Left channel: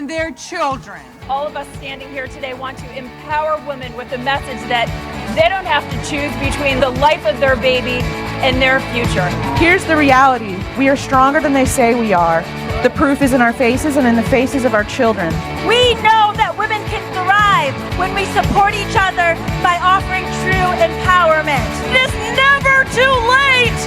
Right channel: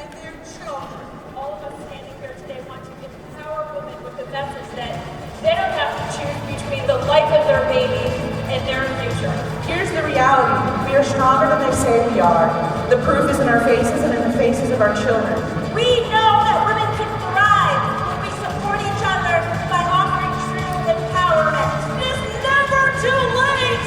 and their children. All of us standing here today want to empower women with the message that they don't have to choose between the life of their baby and their future. Here's the reality. We are stronger than they say we are. The proof is in our faces and in the faces of our children. We know that women can thrive when we support each other by offering true empowerment. It is never too late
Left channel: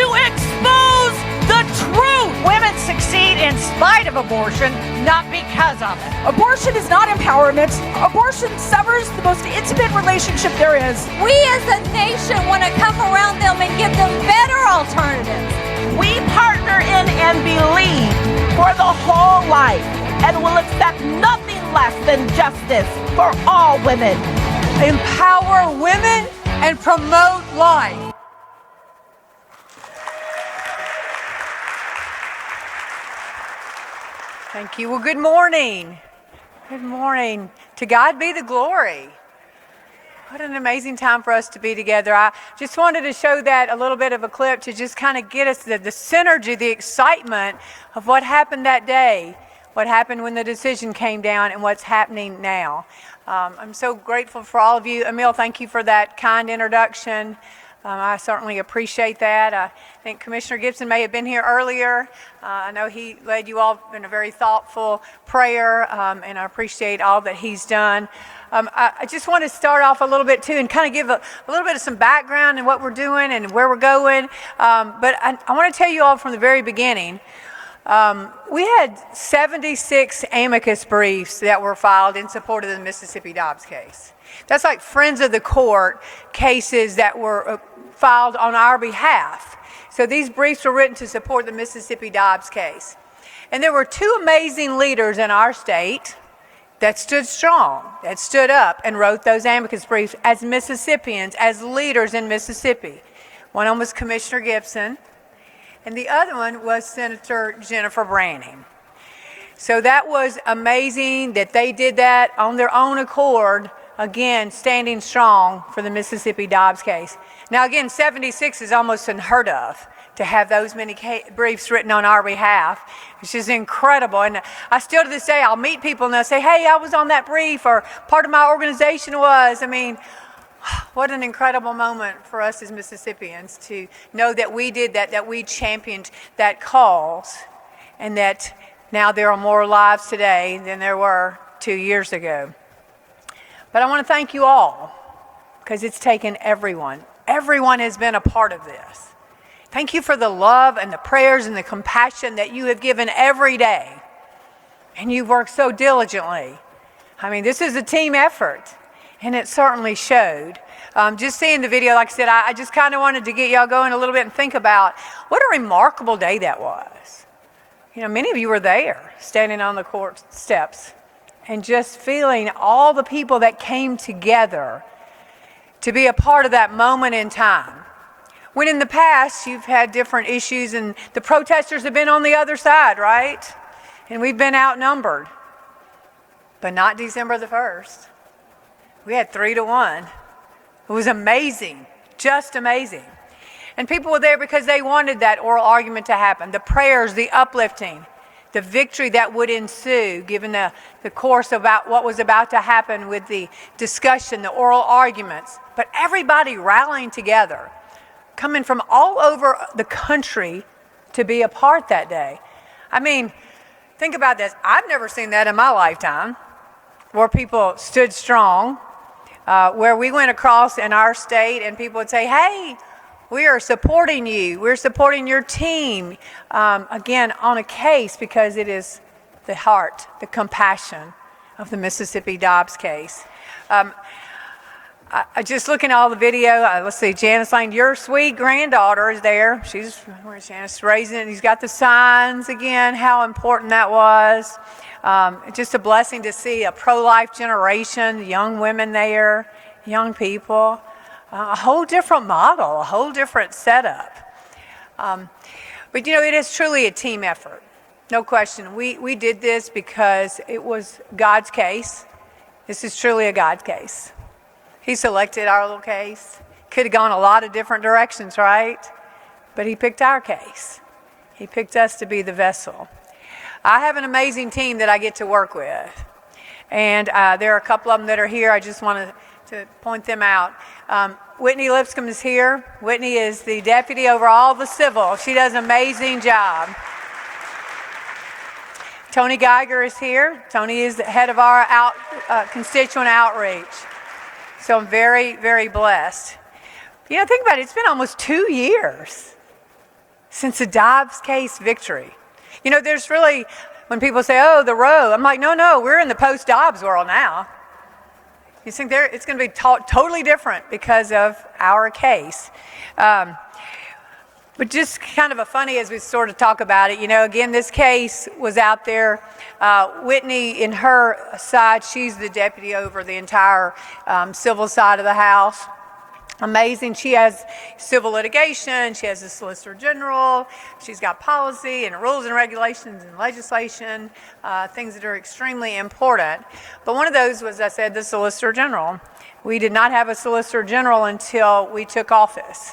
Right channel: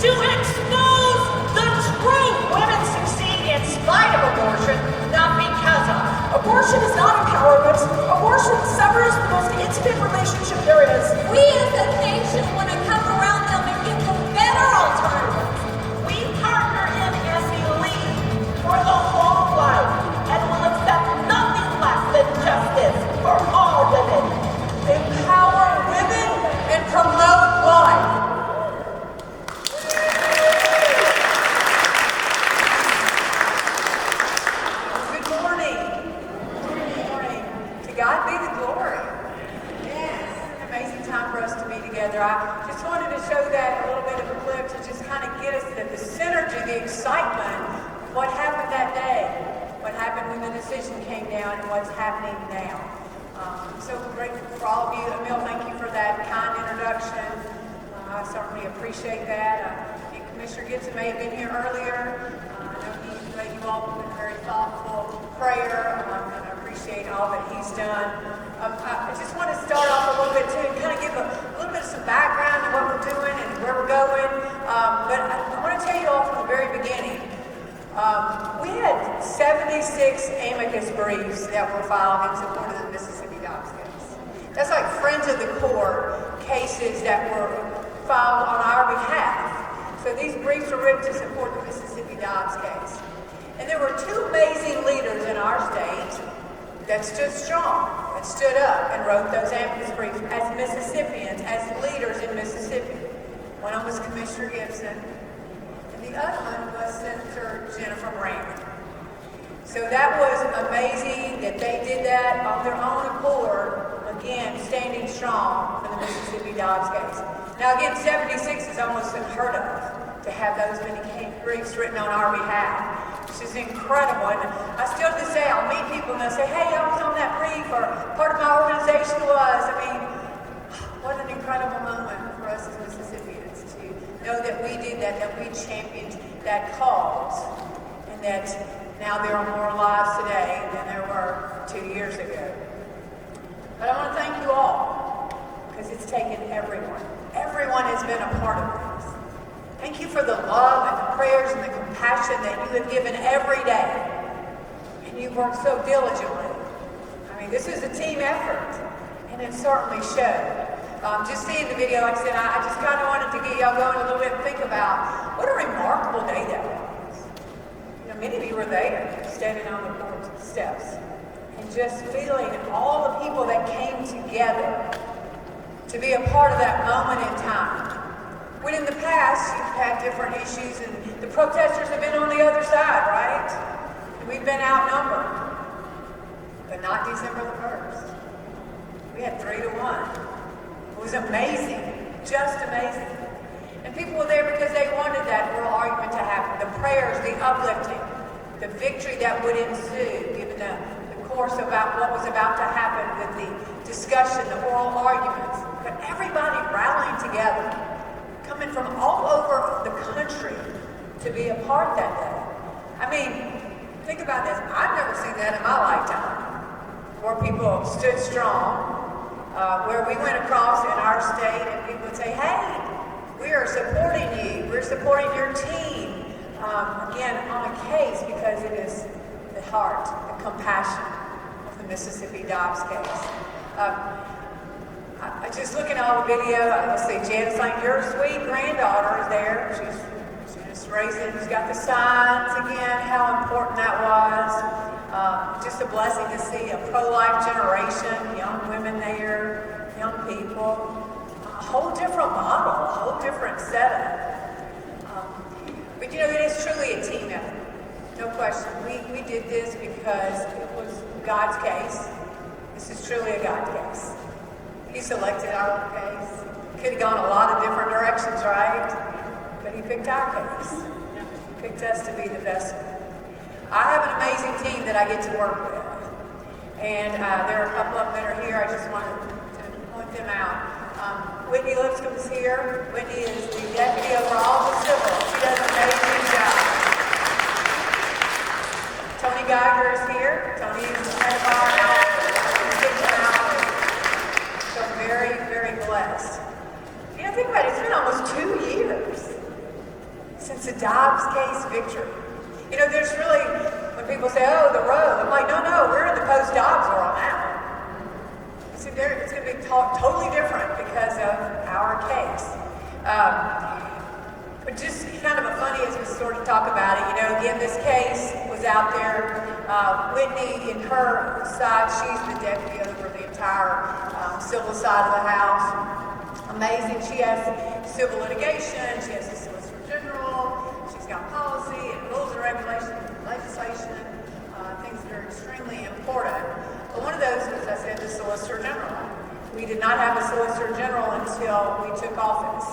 to expose the truth. Women succeed in spite of abortion, not because of it. Abortion is not empowerment. Abortion severs the most intimate relationship there is. We as a nation want to come around them and give them better alternatives. We partner in and believe for the whole life and will accept nothing less than justice for all women. Empower women and promote life. Thank you. Well, good morning. Good morning. To God be the glory. What an amazing time for us to be together. I just wanted to show that a little bit of a clip to just kind of get us the synergy, the excitement of what happened that day, what happened when the decision came down, and what's happening now. I'm so grateful for all of you. Emil, thank you for that kind introduction. I certainly appreciate that. I think Commissioner Gibson may have been here earlier. I know he led you all in a very thoughtful prayer, and I appreciate all that he's done. I just want to start off a little bit too and kind of give a little bit of some background and what we're doing and where we're going. But I want to tell you all from the very beginning, we had 76 amicus briefs that were filed in support of the Mississippi Dobbs case. That's like friends of the court cases that were filed on our behalf. So these briefs were written to support the Mississippi Dobbs case. And there were two amazing leaders in our state that stood strong, that stood up and wrote those amicus briefs as Mississippians, as leaders in Mississippi. One of them was Commissioner Gibson, and the other one was Senator Jennifer Brandy. So that was amazing that they did that on their own accord, again, standing strong for the Mississippi Dobbs case. Now again, 76 is almost unheard of to have those many briefs written on our behalf, which is incredible. And I still to this day, I'll meet people and they'll say, hey, I was on that brief, or part of my organization was. I mean, what an incredible moment for us as Mississippians to know that we did that, that we championed that cause, and that now there are more lives today than there were 2 years ago. But I want to thank you all, because it's taken everyone. Everyone has been a part of this. Thank you for the love and the prayers and the compassion that you have given every day. And you've worked so diligently. I mean, this is a team effort, and it certainly showed. Just seeing the video, like I said, I just kind of wanted to get y'all going a little bit and think about what a remarkable day that was. You know, many of you were there, standing on the court steps, and just feeling all the people that came together to be a part of that moment in time. When in the past, you've had different issues and the protesters have been on the other side, right? And we've been outnumbered. But not December the 1st. We had 3-1. It was amazing, just amazing. And people were there because they wanted that oral argument to happen, the prayers, the uplifting, the victory that would ensue, given the course about what was about to happen with the discussion, the oral arguments. But everybody rallying together, coming from all over the country to be a part that day. I mean, think about this. I've never seen that in my lifetime, where people stood strong, where we went across in our state and people would say, hey, we are supporting you. We're supporting your team. Again, on a case, because it is the heart, the compassion of the Mississippi Dobbs case. I just looking at all the video, let's see, Janice Lane, your sweet granddaughter is there. Janice raising it. He's got the signs again, how important that was. Just a blessing to see a pro-life generation, young women there, young people. A whole different model, a whole different setup. But you know, it is truly a team effort. No question. We did this because it was God's case. This is truly a God case. He selected our little case. Could have gone a lot of different directions, right? But he picked our case. He picked us to be the vessel. I have an amazing team that I get to work with. And there are a couple of them that are here. I just wanted to point them out. Whitney Lipscomb is here. Whitney is the deputy over all the civil. She does an amazing job. Tony Geiger is here. Tony is the head of our constituent outreach. So I'm very, very blessed. You know, think about it. It's been almost 2 years since the Dobbs case victory. You know, there's really, when people say, oh, the row, I'm like, no, we're in the post-Dobbs world now. You think it's going to be totally different because of our case. But just kind of a funny as we sort of talk about it, you know, again, this case was out there. Whitney, in her side, she's the deputy over the entire civil side of the House. Amazing. She has civil litigation, she has a solicitor general, she's got policy and rules and regulations and legislation, things that are extremely important. But one of those was, I said, the solicitor general. We did not have a solicitor general until we took office.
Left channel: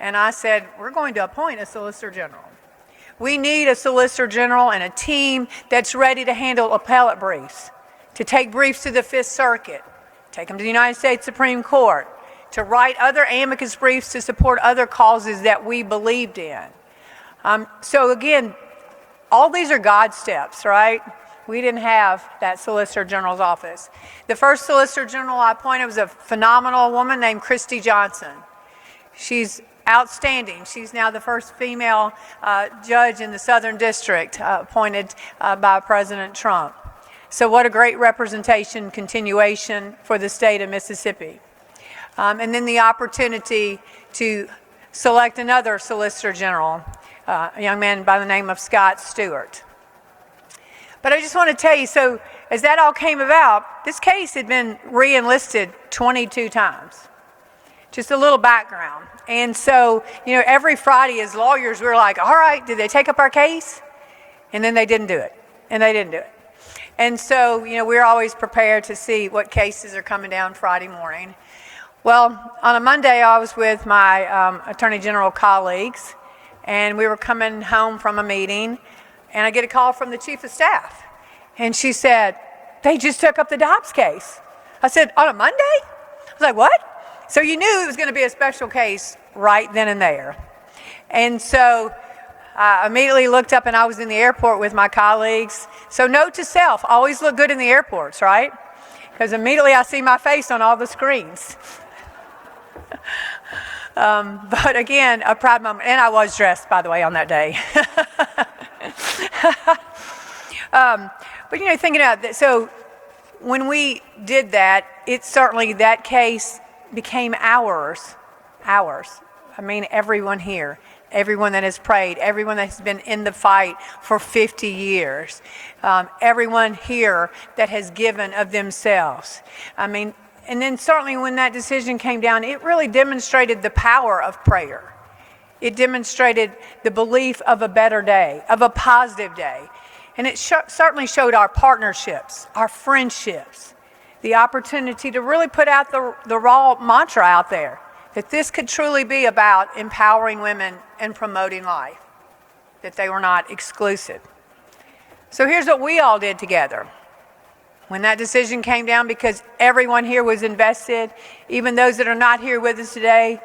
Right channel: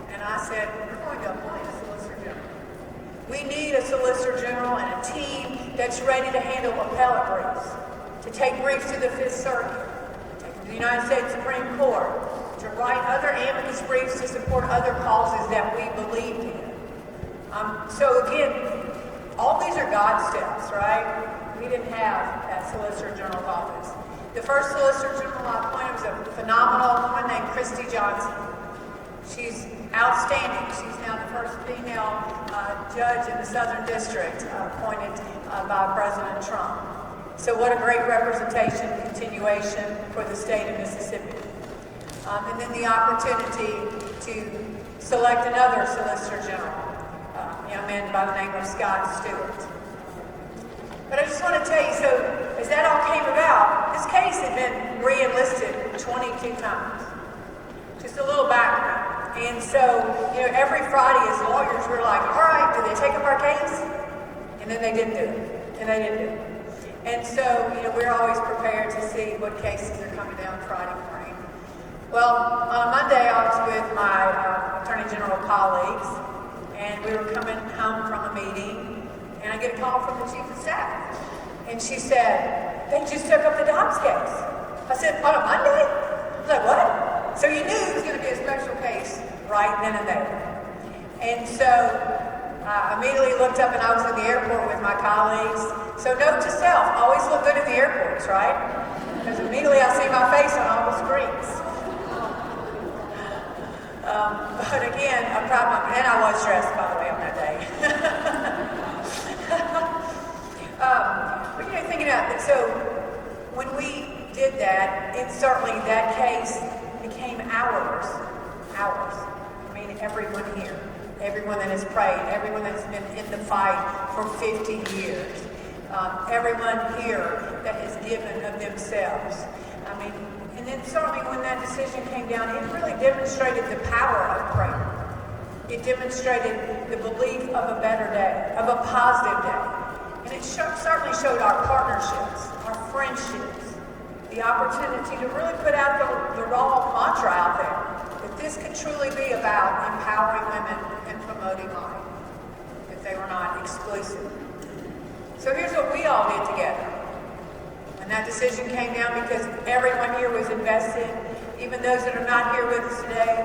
And I said, we're going to appoint a solicitor general. We need a solicitor general and a team that's ready to handle appellate briefs, to take briefs to the Fifth Circuit, take them to the United States Supreme Court, to write other amicus briefs to support other causes that we believed in. So again, all these are God steps, right? We didn't have that Solicitor General's office. The first Solicitor General I appointed was a phenomenal woman named Christy Johnson. She's outstanding. She's now the first female judge in the Southern District appointed by President Trump. So what a great representation, continuation for the state of Mississippi. And then the opportunity to select another Solicitor General, a young man by the name of Scott Stewart. But I just want to tell you, so as that all came about, this case had been re-enlisted 22 times. Just a little background. And so, you know, every Friday as lawyers, we were like, all right, did they take up our case? And then they didn't do it. And they didn't do it. And so, you know, we're always prepared to see what cases are coming down Friday morning. Well, on a Monday, I was with my Attorney General colleagues, and we were coming home from a meeting, and I get a call from the Chief of Staff. And she said, they just took up the Dobbs case. I said, on a Monday? I was like, what? So you knew it was going to be a special case right then and there. And so I immediately looked up, and I was in the airport with my colleagues. So note to self, always look good in the airports, right? Because immediately I see my face on all the screens. But again, a proud moment, and I was dressed, by the way, on that day. But you know, thinking about it, so when we did that, it certainly, that case became ours. I mean, everyone here, everyone that has prayed, everyone that's been in the fight for 50 years, everyone here that has given of themselves. I mean, and then certainly when that decision came down, it really demonstrated the power of prayer. It demonstrated the belief of a better day, of a positive day. And it certainly showed our partnerships, our friendships, the opportunity to really put out the raw mantra out there, that this could truly be about empowering women and promoting life, that they were not exclusive. So here's what we all did together. When that decision came down, because everyone here was invested, even those that are not here with us today,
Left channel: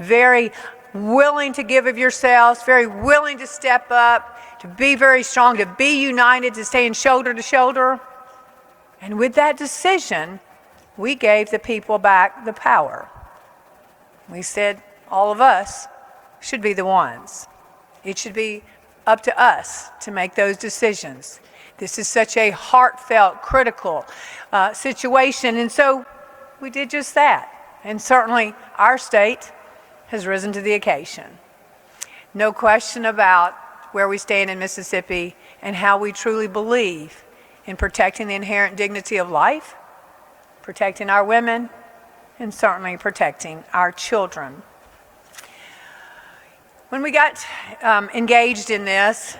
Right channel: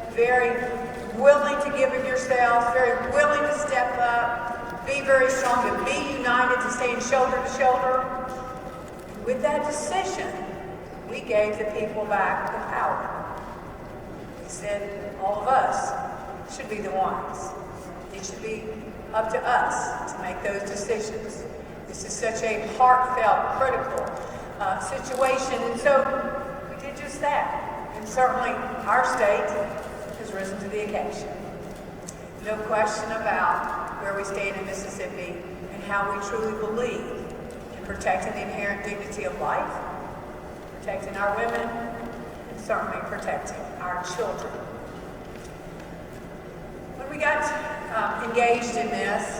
very willing to give of yourselves, very willing to step up, to be very strong, to be united, to stand shoulder to shoulder. And with that decision, we gave the people back the power. We said all of us should be the ones. It should be up to us to make those decisions. This is such a heartfelt, critical situation, and so we did just that. And certainly our state has risen to the occasion. No question about where we stand in Mississippi and how we truly believe in protecting the inherent dignity of life, protecting our women, and certainly protecting our children. When we got engaged in this,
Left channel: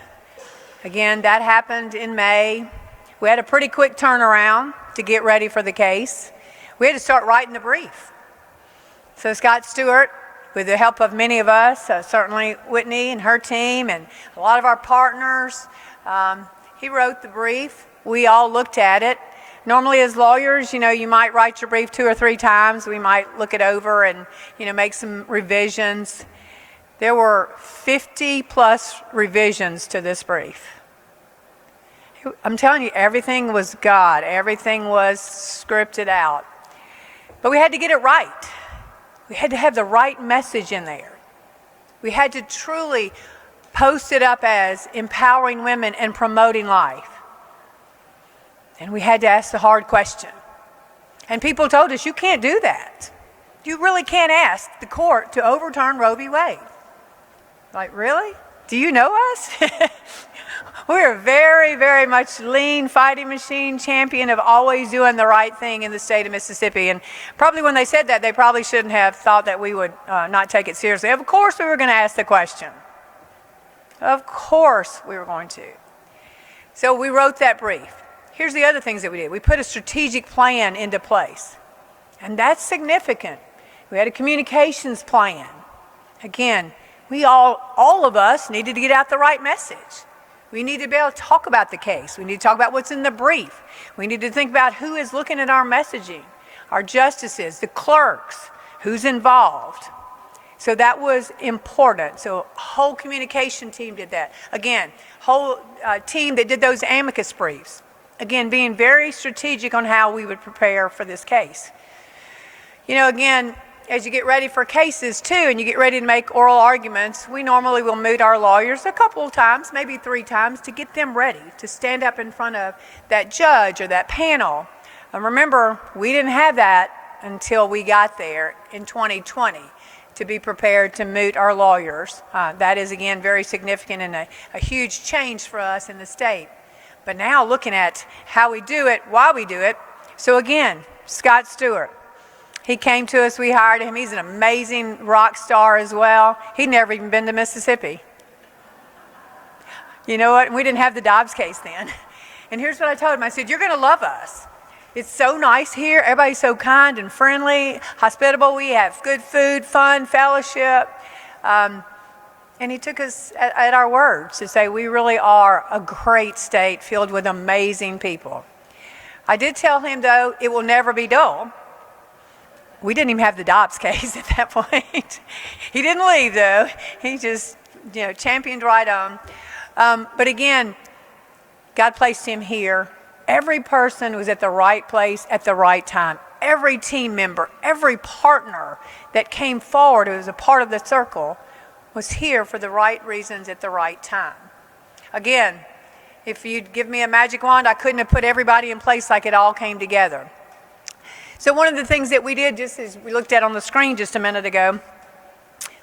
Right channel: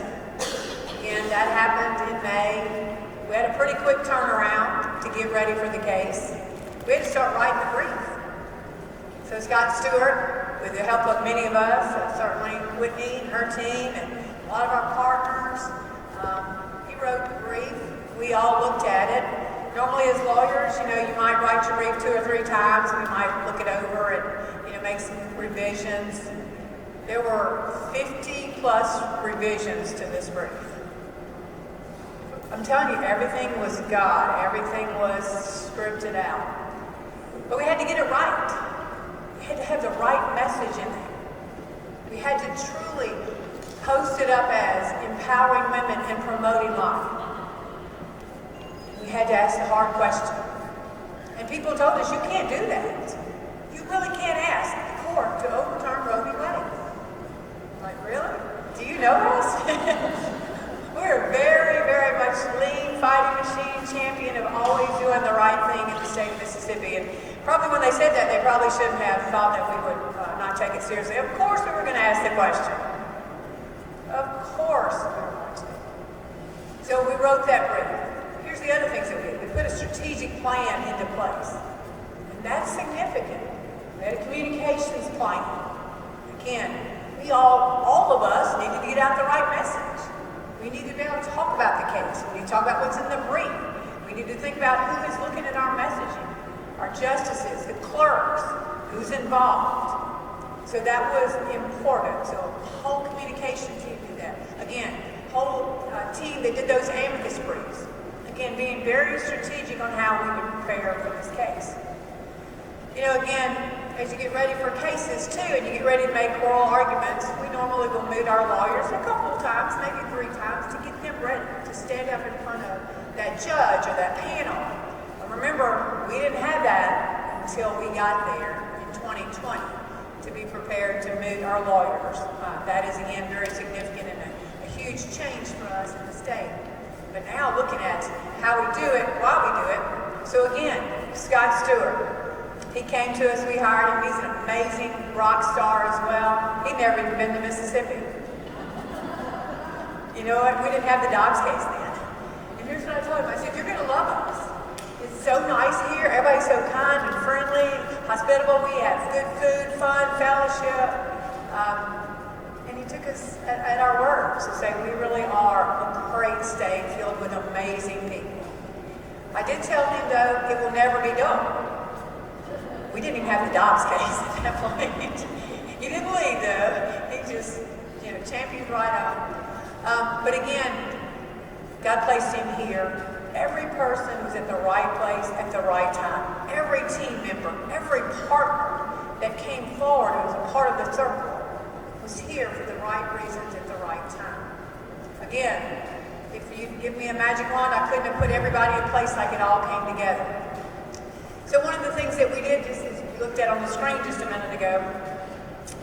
again, that happened in May. We had a pretty quick turnaround to get ready for the case. We had to start writing the brief. So Scott Stewart, with the help of many of us, certainly Whitney and her team and a lot of our partners, He wrote the brief. We all looked at it. Normally as lawyers, you might write your brief 2 or 3 times. We might look it over and, make some revisions. There were 50 plus revisions to this brief. I'm telling you, everything was God. Everything was scripted out. But we had to get it right. We had to have the right message in there. We had to truly post it up as empowering women and promoting life. And we had to ask the hard question. And people told us, you can't do that. You really can't ask the court to overturn Roe v. Wade. Like, really? Do you know us? We're very, very much lean, fighting machine, champion of always doing the right thing in the state of Mississippi. And probably when they said that, they probably shouldn't have thought that we would not take it seriously. Of course we were going to ask the question. Of course we were going to. So we wrote that brief. Here's the other things that we did. We put a strategic plan into place. And that's significant. We had a communications plan. Again, all of us needed to get out the right message. We need to be able to talk about the case. We need to talk about what's in the brief. We need to think about who is looking at our messaging, our justices, the clerks, who's involved. So that was important. So a whole communication team did that. Again, whole team that did those amicus briefs. Again, being very strategic on how we would prepare for this case. Again, as you get ready for cases too, and you get ready to make oral arguments, we normally will meet our lawyers a couple of times, maybe 3 times, to get them ready to stand up in front of that judge or that panel. And remember, we didn't have that until we got there in 2020 to be prepared to meet our lawyers. That is, again, very significant and a huge change for us in the state. But now looking at how we do it, why we do it. So again, Scott Stewart. He came to us, we hired him. He's an amazing rock star as well. He'd never even been to Mississippi. You know what? We didn't have the Dobbs case then. And here's what I told him. I said, you're going to love us. It's so nice here. Everybody's so kind and friendly, hospitable. We have good food, fun, fellowship. And he took us at our words to say we really are a great state filled with amazing people. I did tell him, though, it will never be dull. We didn't even have the Dobbs case at that point. He didn't leave, though. He just, championed right on. But again, God placed him here. Every person was at the right place at the right time. Every team member, every partner that came forward who was a part of the circle was here for the right reasons at the right time. Again, if you'd give me a magic wand, I couldn't have put everybody in place like it all came together. So one of the things that we did, just as we looked at on the screen just a minute ago,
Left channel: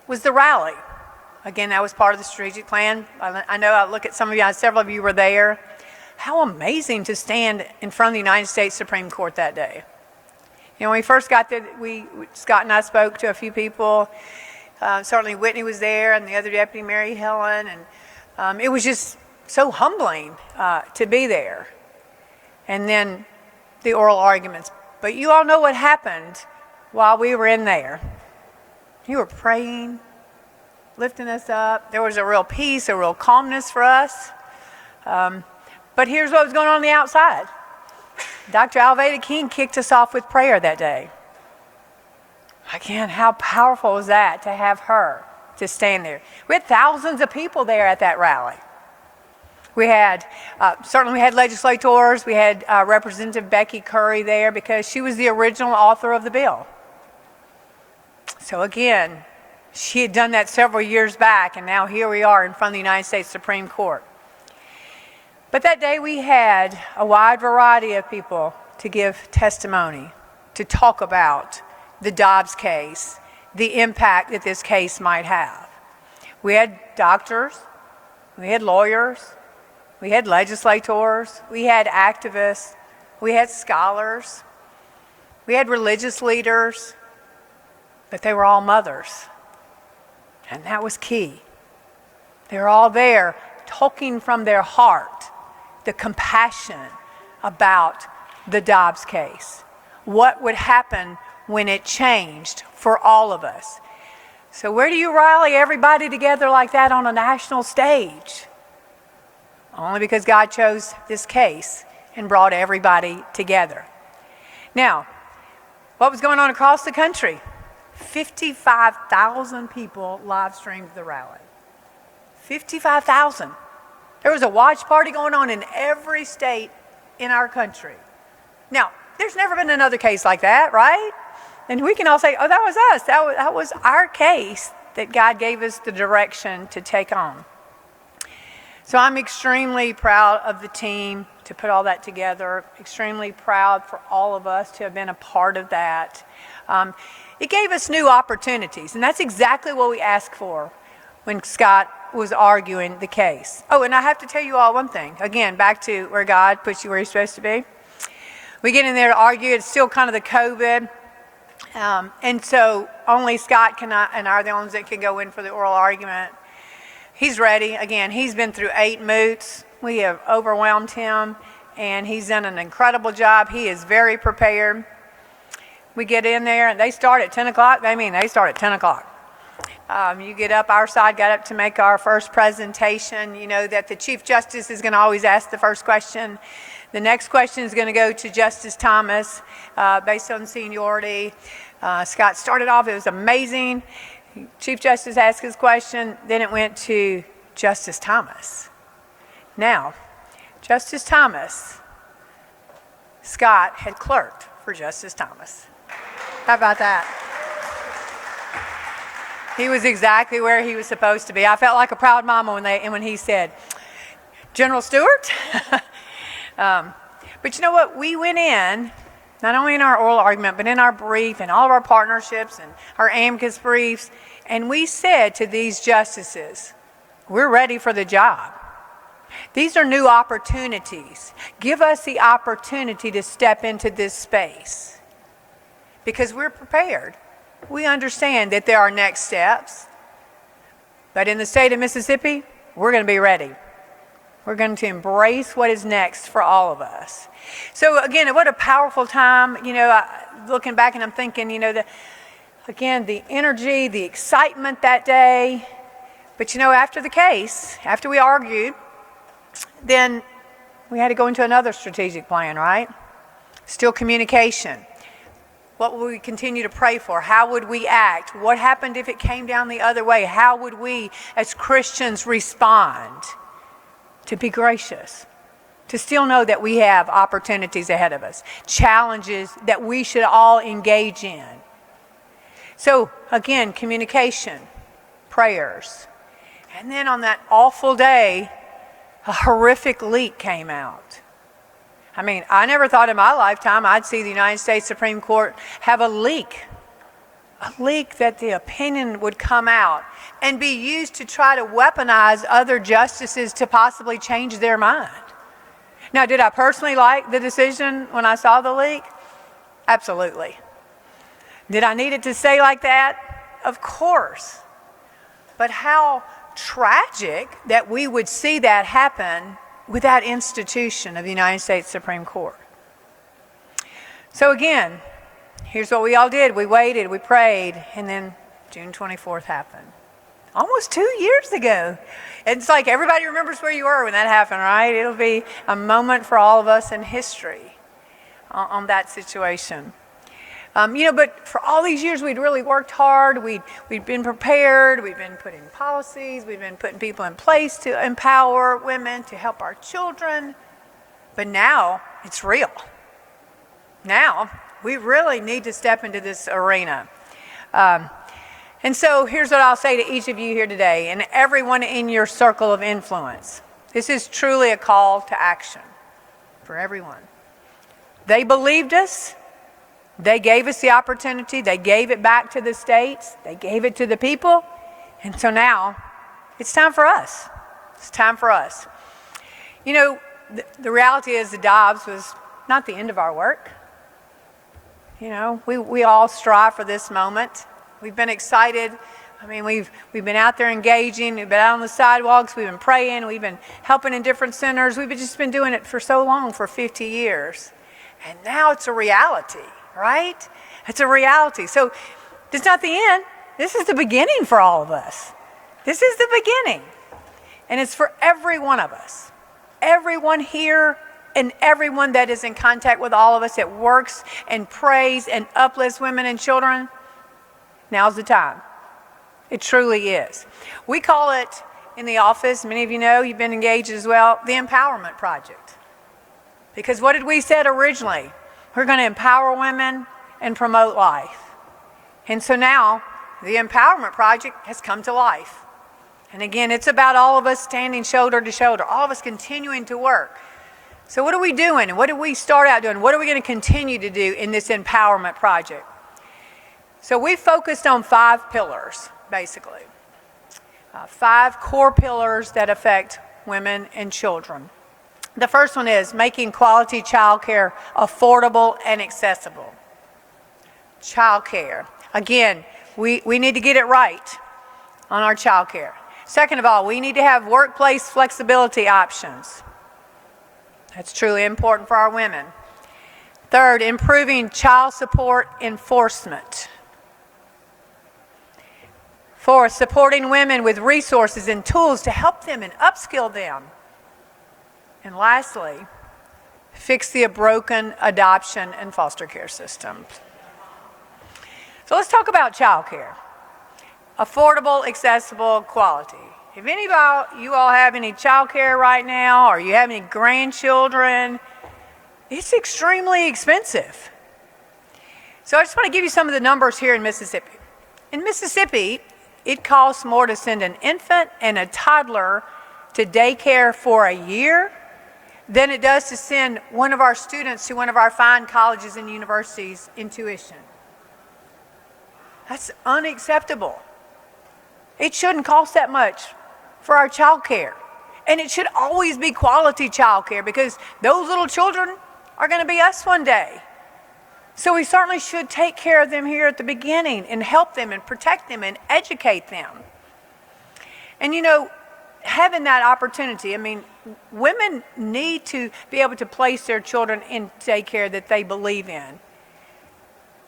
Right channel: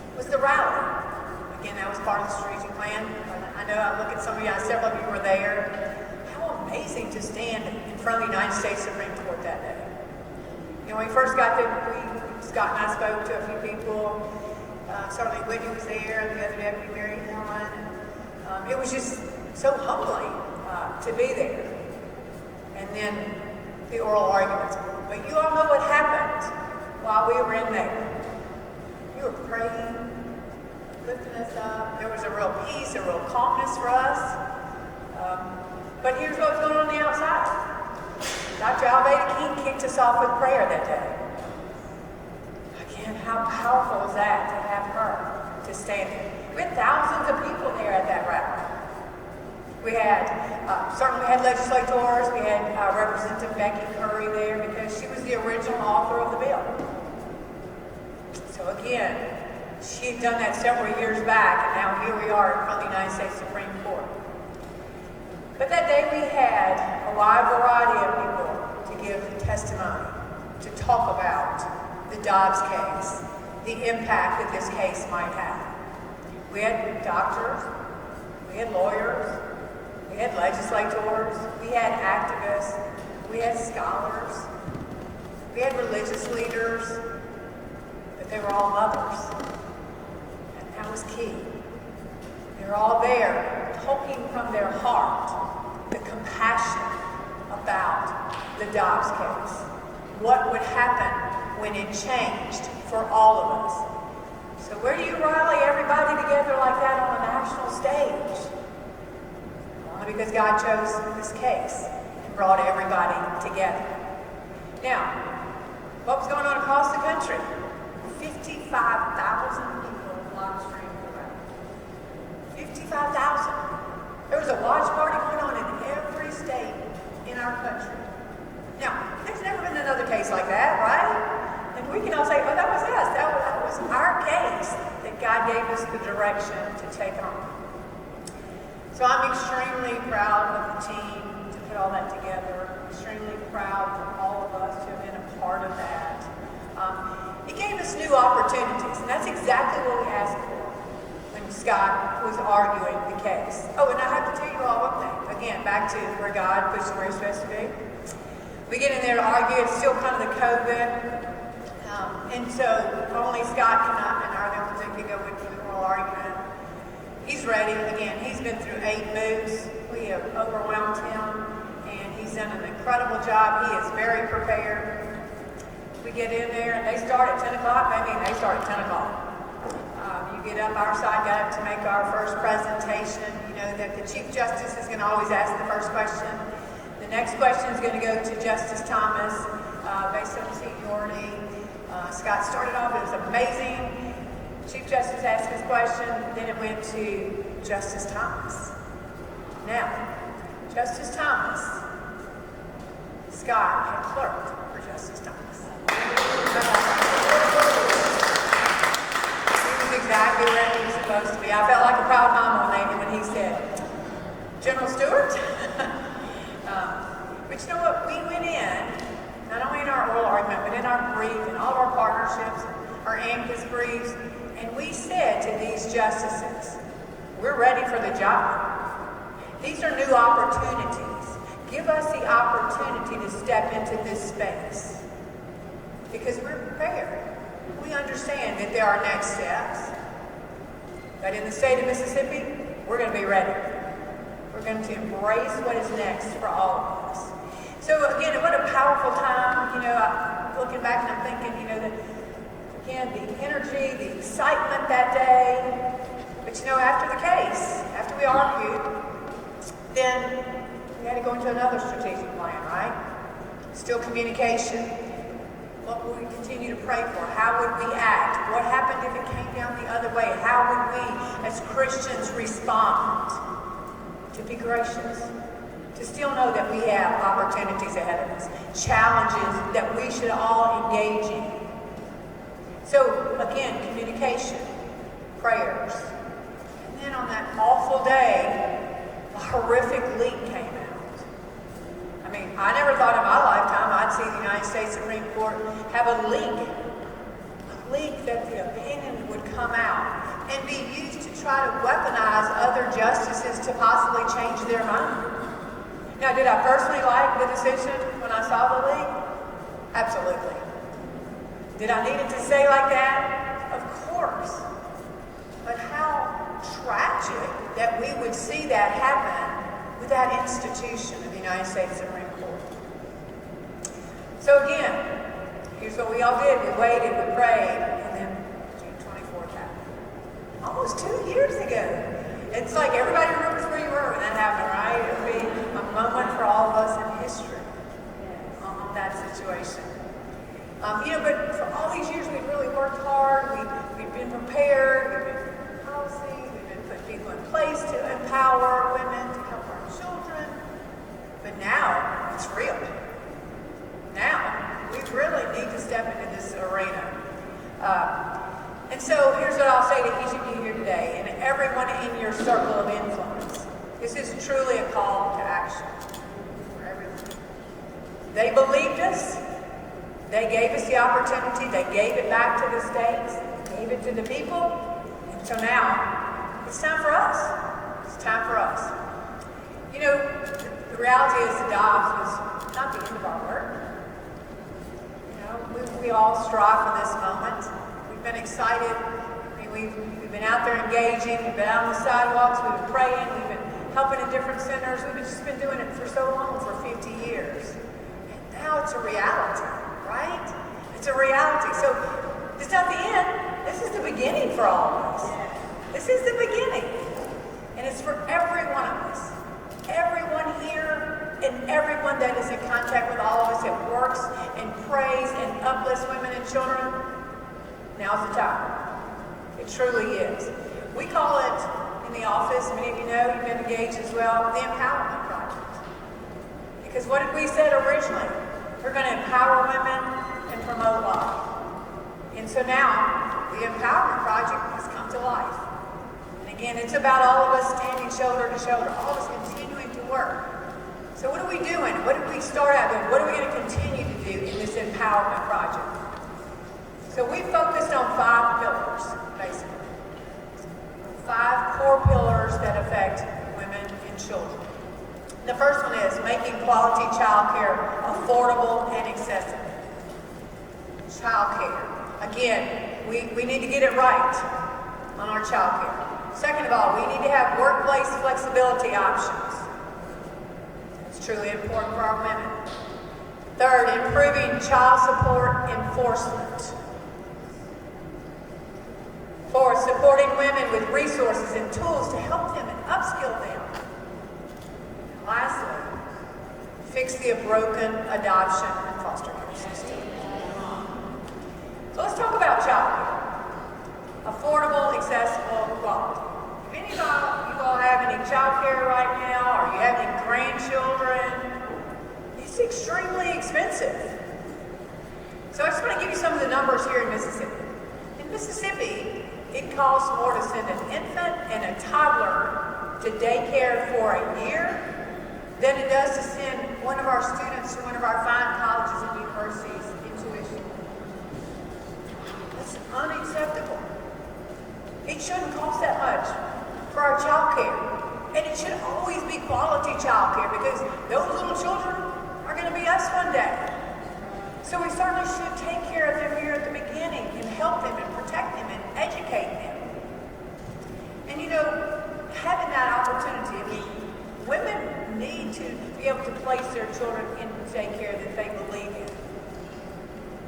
was the rally. Again, that was part of the strategic plan. I know I look at some of you, several of you were there. How amazing to stand in front of the United States Supreme Court that day. When we first got there, Scott and I spoke to a few people. Certainly Whitney was there and the other deputy, Mary Helen. And it was just so humbling to be there. And then the oral arguments. But you all know what happened while we were in there. You were praying, lifting us up. There was a real peace, a real calmness for us. But here's what was going on the outside. Dr. Alveda King kicked us off with prayer that day. Again, how powerful was that to have her to stand there? We had thousands of people there at that rally. We had, certainly we had legislators, we had Representative Becky Curry there because she was the original author of the bill. So again, she had done that several years back, and now here we are in front of the United States Supreme Court. But that day we had a wide variety of people to give testimony, to talk about the Dobbs case, the impact that this case might have. We had doctors, we had lawyers, we had legislators, we had activists, we had scholars, we had religious leaders, but they were all mothers. And that was key. They were all there talking from their heart, the compassion about the Dobbs case. What would happen when it changed for all of us? So where do you rally everybody together like that on a national stage? only because God chose this case and brought everybody together. Now, what was going on across the country? 55,000 people live streamed the rally. 55,000. There was a watch party going on in every state in our country. Now, there's never been another case like that, right? And we can all say, oh, that was us. That was our case that God gave us the direction to take on. So I'm extremely proud of the team to put all that together, extremely proud for all of us to have been a part of that. It gave us new opportunities, and that's exactly what we asked for when Scott was arguing the case. Oh, and I have to tell you all one thing. Again, back to where God puts you where you're supposed to be. We get in there to argue. It's still kind of the COVID. And so only Scott and I are the ones that can go in for the oral argument. He's ready. Again, he's been through 8 moots. We have overwhelmed him, and he's done an incredible job. He is very prepared. We get in there, and they start at 10 o'clock. They start at 10 o'clock. You get up, our side got up to make our first presentation. You know that the Chief Justice is going to always ask the first question. The next question is going to go to Justice Thomas based on seniority. Scott started off, it was amazing. Chief Justice asked his question, then it went to Justice Thomas. Now, Justice Thomas, Scott had clerked for Justice Thomas. How about that? He was exactly where he was supposed to be. I felt like a proud mama when he said, General Stewart? But you know what? We went in, not only in our oral argument, but in our brief and all of our partnerships, our amicus briefs, and we said to these justices, we're ready for the job. These are new opportunities. Give us the opportunity to step into this space because we're prepared. We understand that there are next steps, but in the state of Mississippi, we're going to be ready. We're going to embrace what is next for all of us. So again, what a powerful time. You know, looking back and I'm thinking, you know, again, the energy, the excitement that day. But you know, after the case, after we argued, then we had to go into another strategic plan, right? Still communication. What would we continue to pray for? How would we act? What happened if it came down the other way? How would we, as Christians, respond? To be gracious, to still know that we have opportunities ahead of us, challenges that we should all engage in. So again, communication, prayers. And then on that awful day, a horrific leak came out. I mean, I never thought in my lifetime I'd see the United States Supreme Court have a leak that the opinion would come out and be used to try to weaponize other justices to possibly change their mind. Now, did I personally like the decision when I saw the leak? Absolutely. Did I need it to say like that? Of course. But how tragic that we would see that happen with that institution of the United States Supreme Court. So again, here's what we all did. We waited, we prayed, and then June 24th happened. Almost 2 years ago. It's like everybody remembers where you were when that happened, right? It'll be a moment for all of us in history on that situation. But for all these years, we'd really worked hard. We'd been prepared. We'd been putting policies. We've been putting people in place to empower women, to help our children. But now it's real. Now we really need to step into this arena. And so here's what I'll say to each of you here today and everyone in your circle of influence. This is truly a call to action for everyone. They believed us. They gave us the opportunity. They gave it back to the states. They gave it to the people. And so now it's time for us. It's time for us. You know, the reality is the Dobbs was not the end of our work. You know, we all strive for this moment. We've been excited. I mean, we've been out there engaging. We've been out on the sidewalks. We've been praying. We've been helping in different centers. We've just been doing it for so long, for 50 years. And now it's a reality, right? It's a reality. So it's not the end. This is the beginning for all of us. This is the beginning. And it's for every one of us. everyone here and everyone that is in contact with all of us that works and prays and uplifts women and children, now's the time. It truly is. We call it in the office, many of you know, you've been engaged as well, the Empowerment Project. Because what did we say originally? We're going to empower women and promote life. And so now, the Empowerment Project has come to life. And again, it's about all of us standing shoulder to shoulder, all of us continuing to work. So what are we doing? What did we start out doing? What are we going to continue to do in this Empowerment Project? So we focused on 5 pillars, basically. 5 core pillars that affect women and children. The first one is making quality childcare affordable and accessible. Childcare. Again, we need to get it right on our childcare. Second of all, we need to have workplace flexibility options. That's truly important for our women. Third, improving child support enforcement. Fourth, supporting women with resources and tools to help them and upskill them. And lastly, fix the broken adoption and foster care systems. So let's talk about child care. Affordable, accessible, quality. If any of you all have any child care right now, or you have any grandchildren, it's extremely expensive. So I just want to give you some of the numbers here in Mississippi. In Mississippi, it costs more to send an infant and a toddler to daycare for a year than it does to send one of our students to one of our fine colleges and universities in tuition. That's unacceptable. It shouldn't cost that much for our child care. And it should always be quality child care, because those little children are going to be us one day. So we certainly should take care of them here at the beginning and help them and protect them and educate them. And you know, having that opportunity, I mean, women need to be able to place their children in daycare that they believe in.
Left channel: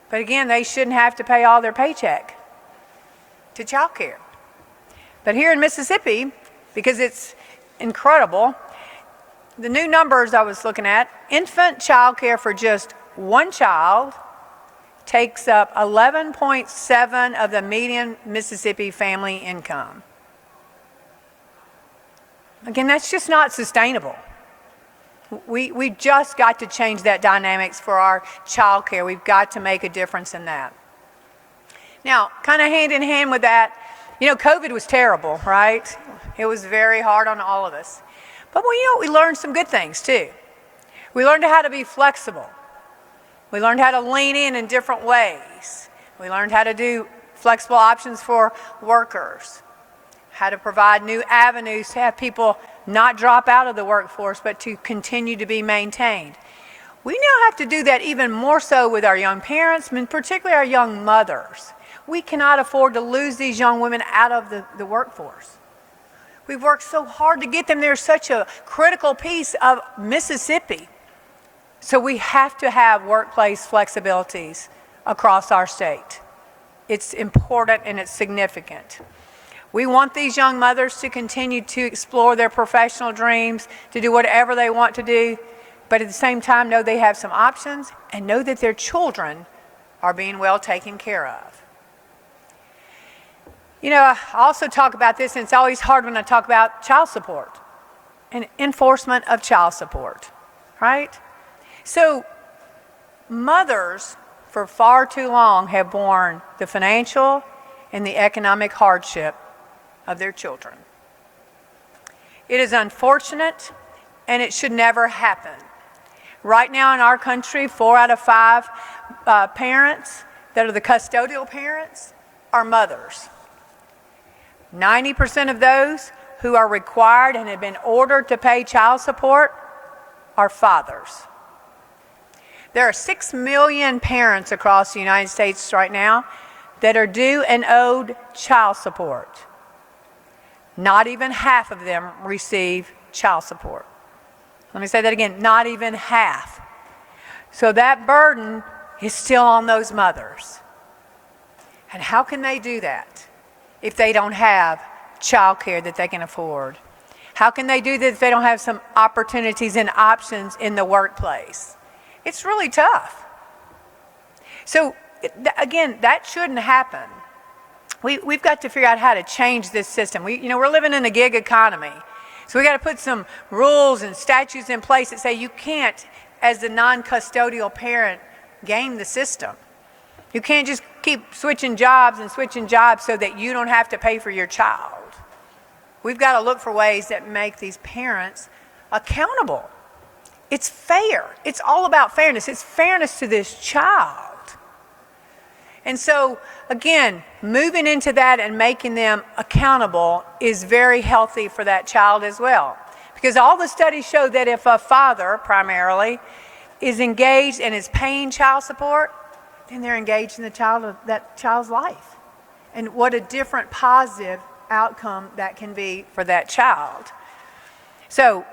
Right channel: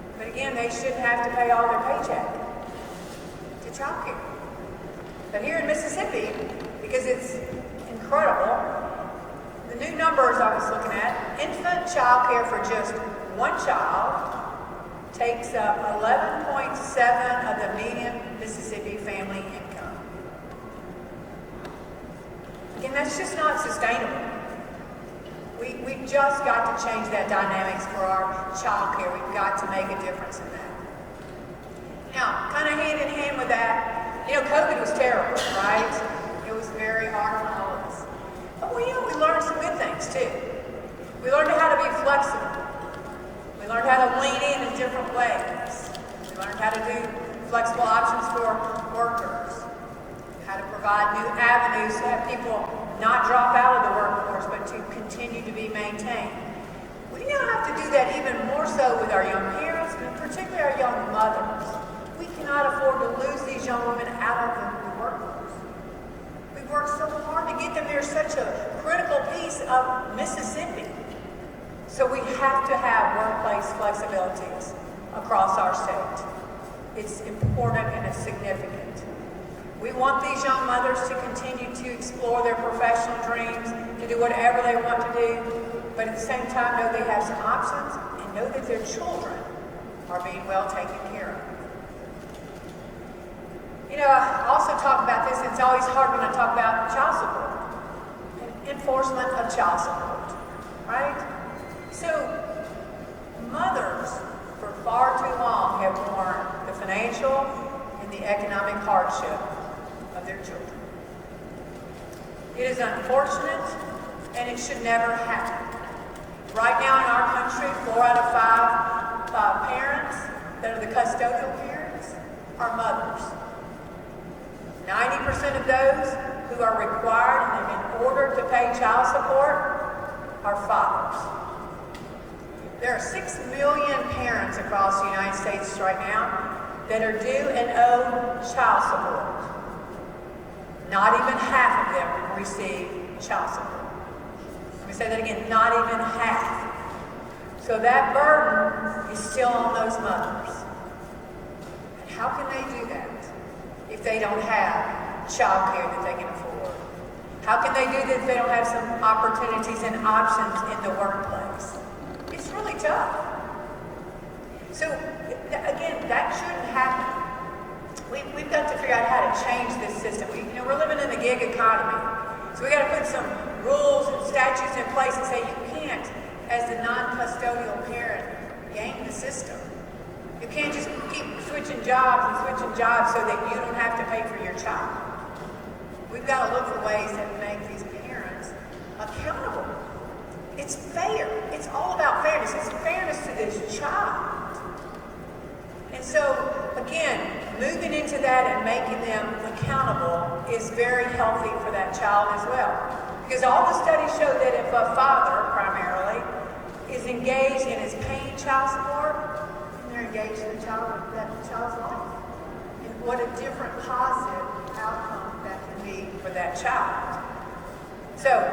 But again, they shouldn't have to pay all their paycheck to child care. But here in Mississippi, because it's incredible, the new numbers I was looking at, infant child care for just one child takes up 11.7% of the median Mississippi family income. Again, that's just not sustainable. We've just got to change that dynamics for our child care. We've got to make a difference in that. Now, kind of hand in hand with that, you know, COVID was terrible, right? It was very hard on all of us. But well, you know, we learned some good things too. We learned how to be flexible. We learned how to lean in different ways. We learned how to do flexible options for workers, how to provide new avenues to have people not drop out of the workforce, but to continue to be maintained. We now have to do that even more so with our young parents, and particularly our young mothers. We cannot afford to lose these young women out of the workforce. We've worked so hard to get them there, such a critical piece of Mississippi. So we have to have workplace flexibilities across our state. It's important and it's significant. We want these young mothers to continue to explore their professional dreams, to do whatever they want to do, but at the same time know they have some options and know that their children are being well taken care of. You know, I also talk about this, and it's always hard when I talk about child support and enforcement of child support, right? So mothers for far too long have borne the financial and the economic hardship of their children. It is unfortunate, and it should never happen. Right now in our country, 4 out of 5 parents that are the custodial parents are mothers. 90% of those who are required and have been ordered to pay child support are fathers. There are 6 million parents across the United States right now that are due and owed child support. Not even half of them receive child support. Let me say that again, not even half. So that burden is still on those mothers. And how can they do that if they don't have child care that they can afford? How can they do this if they don't have some opportunities and options in the workplace? It's really tough. So again, that shouldn't happen. We've got to figure out how to change this system. We're living in a gig economy. So we got to put some rules and statutes in place that say you can't, as the non-custodial parent, game the system. You can't just keep switching jobs so that you don't have to pay for your child. We've got to look for ways that make these parents accountable. It's fair. It's all about fairness. It's fairness to this child. And so, again, moving into that and making them accountable is very healthy for that child as well. Because all the studies show that if a father, primarily, is engaged and is paying child support, then they're engaged in that child's life. And what a different positive outcome that can be for that child. So,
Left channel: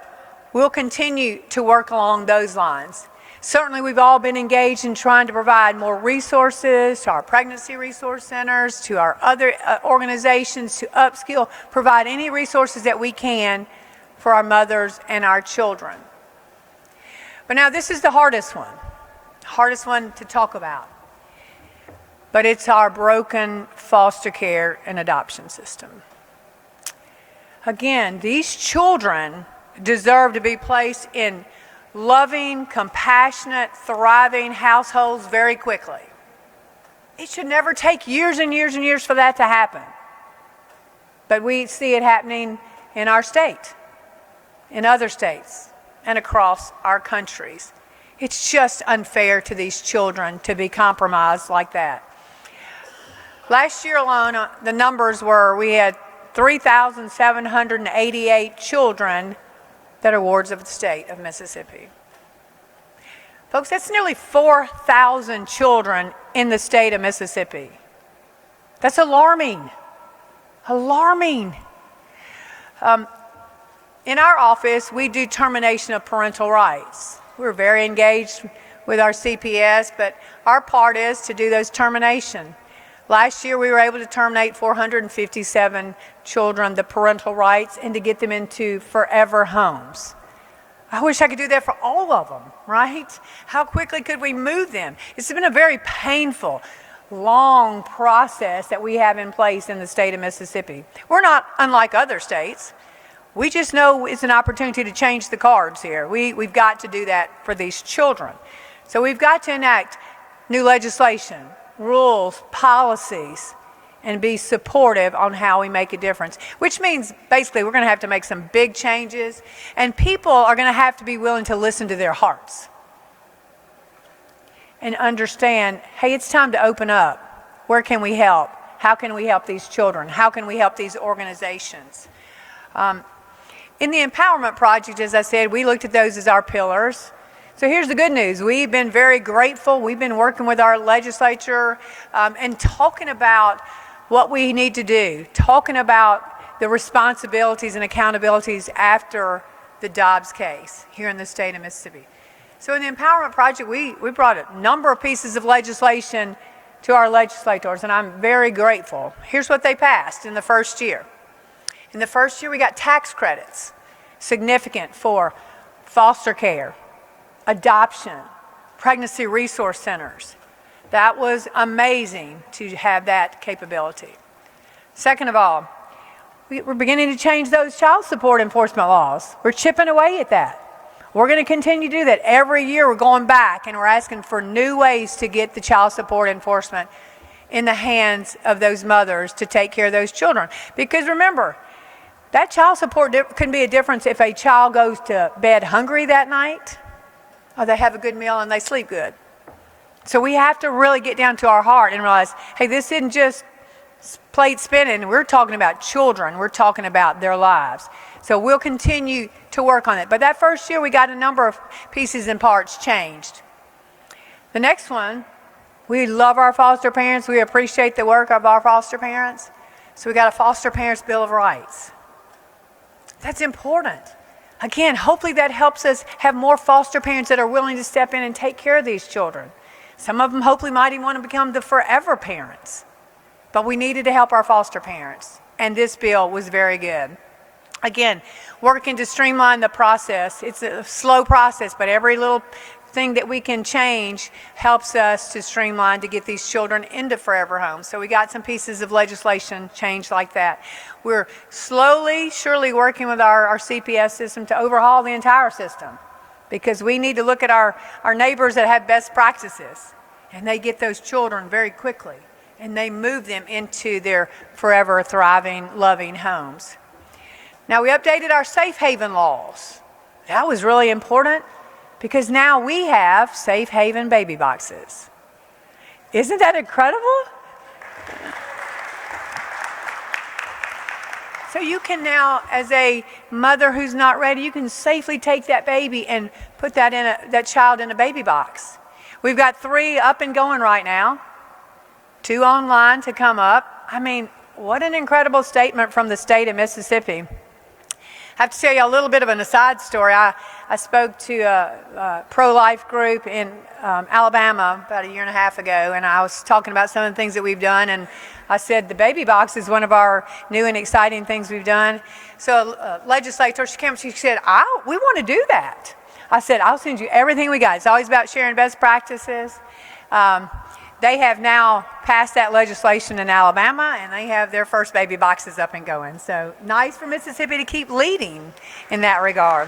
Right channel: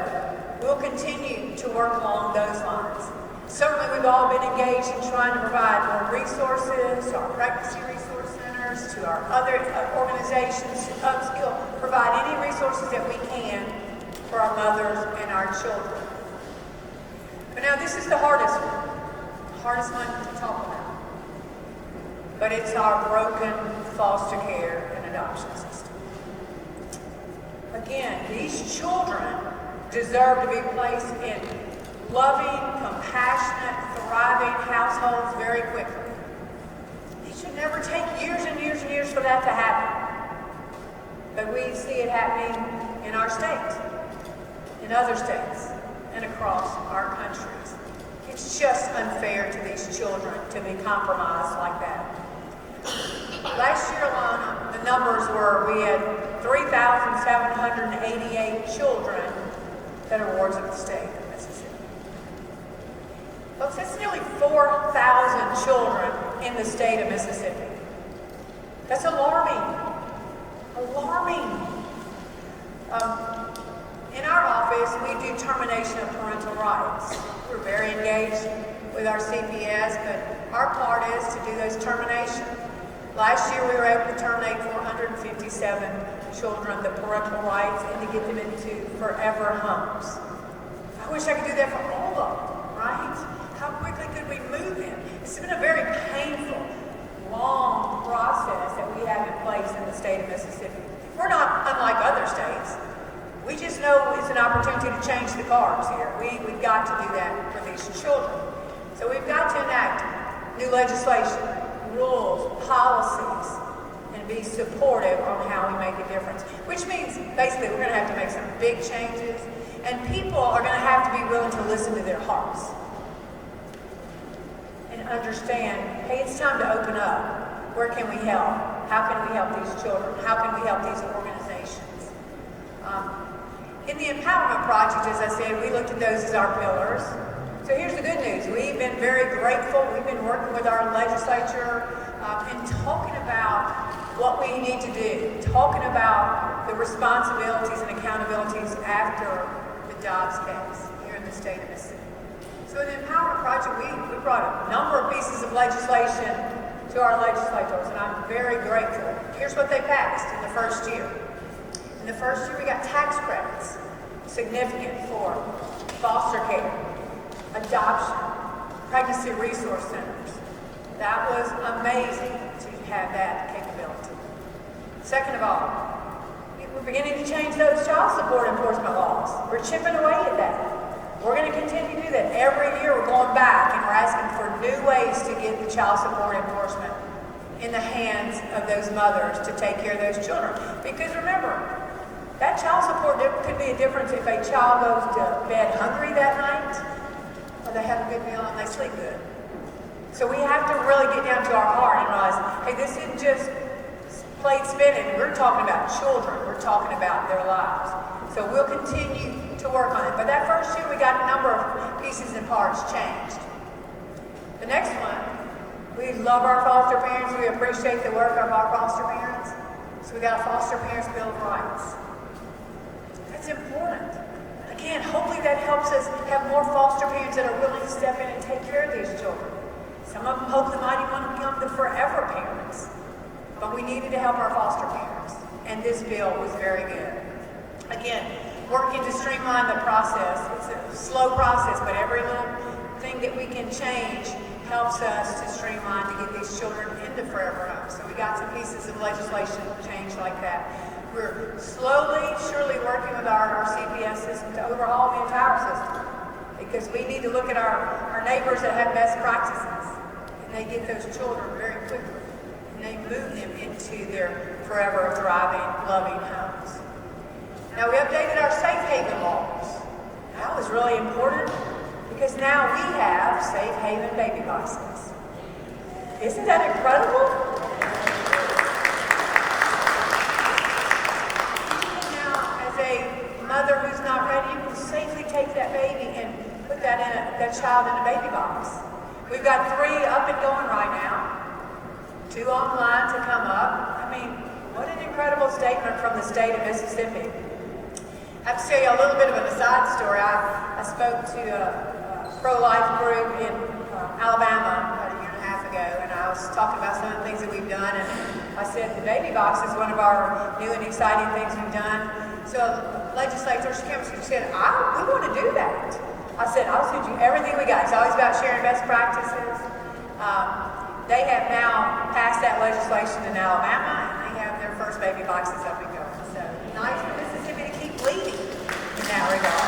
we'll continue to work along those lines. Certainly, we've all been engaged in trying to provide more resources to our pregnancy resource centers, to our other organizations, to upskill, provide any resources that we can for our mothers and our children. But now this is the hardest one to talk about. But it's our broken foster care and adoption system. Again, these children deserve to be placed in loving, compassionate, thriving households very quickly. It should never take years and years and years for that to happen. But we see it happening in our state, in other states, and across our countries. It's just unfair to these children to be compromised like that. Last year alone, the numbers were we had 3,788 children that are wards of the state of Mississippi. Folks, that's nearly 4,000 children in the state of Mississippi. That's alarming. Alarming. In our office, we do termination of parental rights. We're very engaged with our CPS, but our part is to do those terminations. Last year, we were able to terminate 457 children, the parental rights, and to get them into forever homes. I wish I could do that for all of them, right? How quickly could we move them? It's been a very painful, long process that we have in place in the state of Mississippi. We're not unlike other states. We just know it's an opportunity to change the cards here. We've got to do that for these children. So we've got to enact new legislation, rules, policies, and be supportive on how we make a difference. Which means, basically, we're going to have to make some big changes, and people are going to have to be willing to listen to their hearts and understand, hey, it's time to open up. Where can we help? How can we help these children? How can we help these organizations? In the Empowerment Project, as I said, we looked at those as our pillars. So here's the good news. We've been very grateful. We've been working with our legislature and talking about what we need to do, talking about the responsibilities and accountabilities after the Dobbs case here in the state of Mississippi. So in the Empowerment Project, we brought a number of pieces of legislation to our legislators, and I'm very grateful. Here's what they passed in the first year. In the first year, we got tax credits, significant for foster care, adoption, pregnancy resource centers. That was amazing to have that capability. Second of all, we're beginning to change those child support enforcement laws. We're chipping away at that. We're going to continue to do that. Every year we're going back and we're asking for new ways to get the child support enforcement in the hands of those mothers to take care of those children. Because remember, that child support can be a difference if a child goes to bed hungry that night, or they have a good meal and they sleep good. So we have to really get down to our heart and realize, hey, this isn't just plate spinning. We're talking about children. We're talking about their lives. So we'll continue to work on it. But that first year, we got a number of pieces and parts changed. The next one, we love our foster parents. We appreciate the work of our foster parents. So we got a Foster Parents Bill of Rights. That's important. Again, hopefully that helps us have more foster parents that are willing to step in and take care of these children. Some of them hopefully might even want to become the forever parents. But we needed to help our foster parents, and this bill was very good. Again, working to streamline the process. It's a slow process, but every little thing that we can change helps us to streamline to get these children into forever homes. So we got some pieces of legislation changed like that. We're slowly, surely working with our CPS system to overhaul the entire system, because we need to look at our neighbors that have best practices, and they get those children very quickly, and they move them into their forever thriving, loving homes. Now, we updated our safe haven laws. That was really important, because now we have safe haven baby boxes. Isn't that incredible? So you can now, as a mother who's not ready, you can safely take that baby and put that child in a baby box. We've got 3 up and going right now, 2 online to come up. I mean, what an incredible statement from the state of Mississippi. I have to tell you a little bit of an aside story. I spoke to a pro-life group in Alabama about 1.5 years ago, and I was talking about some of the things that we've done, and I said the baby box is one of our new and exciting things we've done. So a legislator, she came and she said, we want to do that. I said, I'll send you everything we got. It's always about sharing best practices. They have now passed that legislation in Alabama, and they have their first baby boxes up and going. So nice for Mississippi to keep leading in that regard.